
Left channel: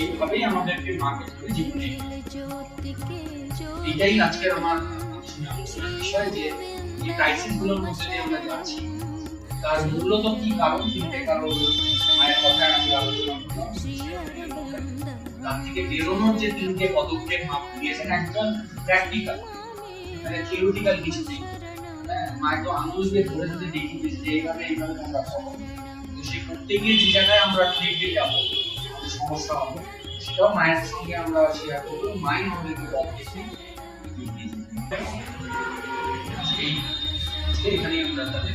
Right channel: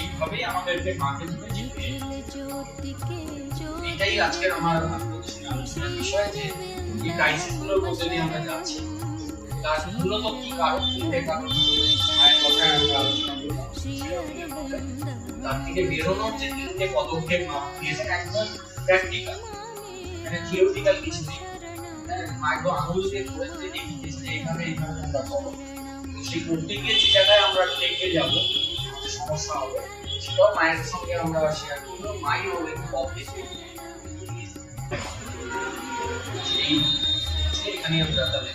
এইভাবেই আমাদেরকে মাকে ধরে জীবনে এটাই আজকের আমার আলোচনার বিষয়, যে এই ক্রাইসিস গুলোর মধ্যে দিয়ে আমরা যাচ্ছি তার মূলত কি কারণ, তিনটে কারণ মায়ের কথায় আমি আলোচনা করলাম। তার থেকে বেরোনোর যে তিনটে পদক্ষেপ মা দিয়েছেন একদম প্র্যাকটিক্যাল, মানে থিওরিটিক্যাল কিছু নেই, মা একদম আঙুল দিয়ে ধরে ধরে দেখিয়ে দিয়েছে যে এইভাবে আমরা করবো। তো সেই করতে গিয়ে যে জায়গায় আমরা ঠেকে যাবো, আমাদের সমস্যা হবে, সেটাও মায়ের সঙ্গে আমরা শেয়ার করবো, মাই আমাদেরকে পথ দেখে এই এখানেই আমরা তাদের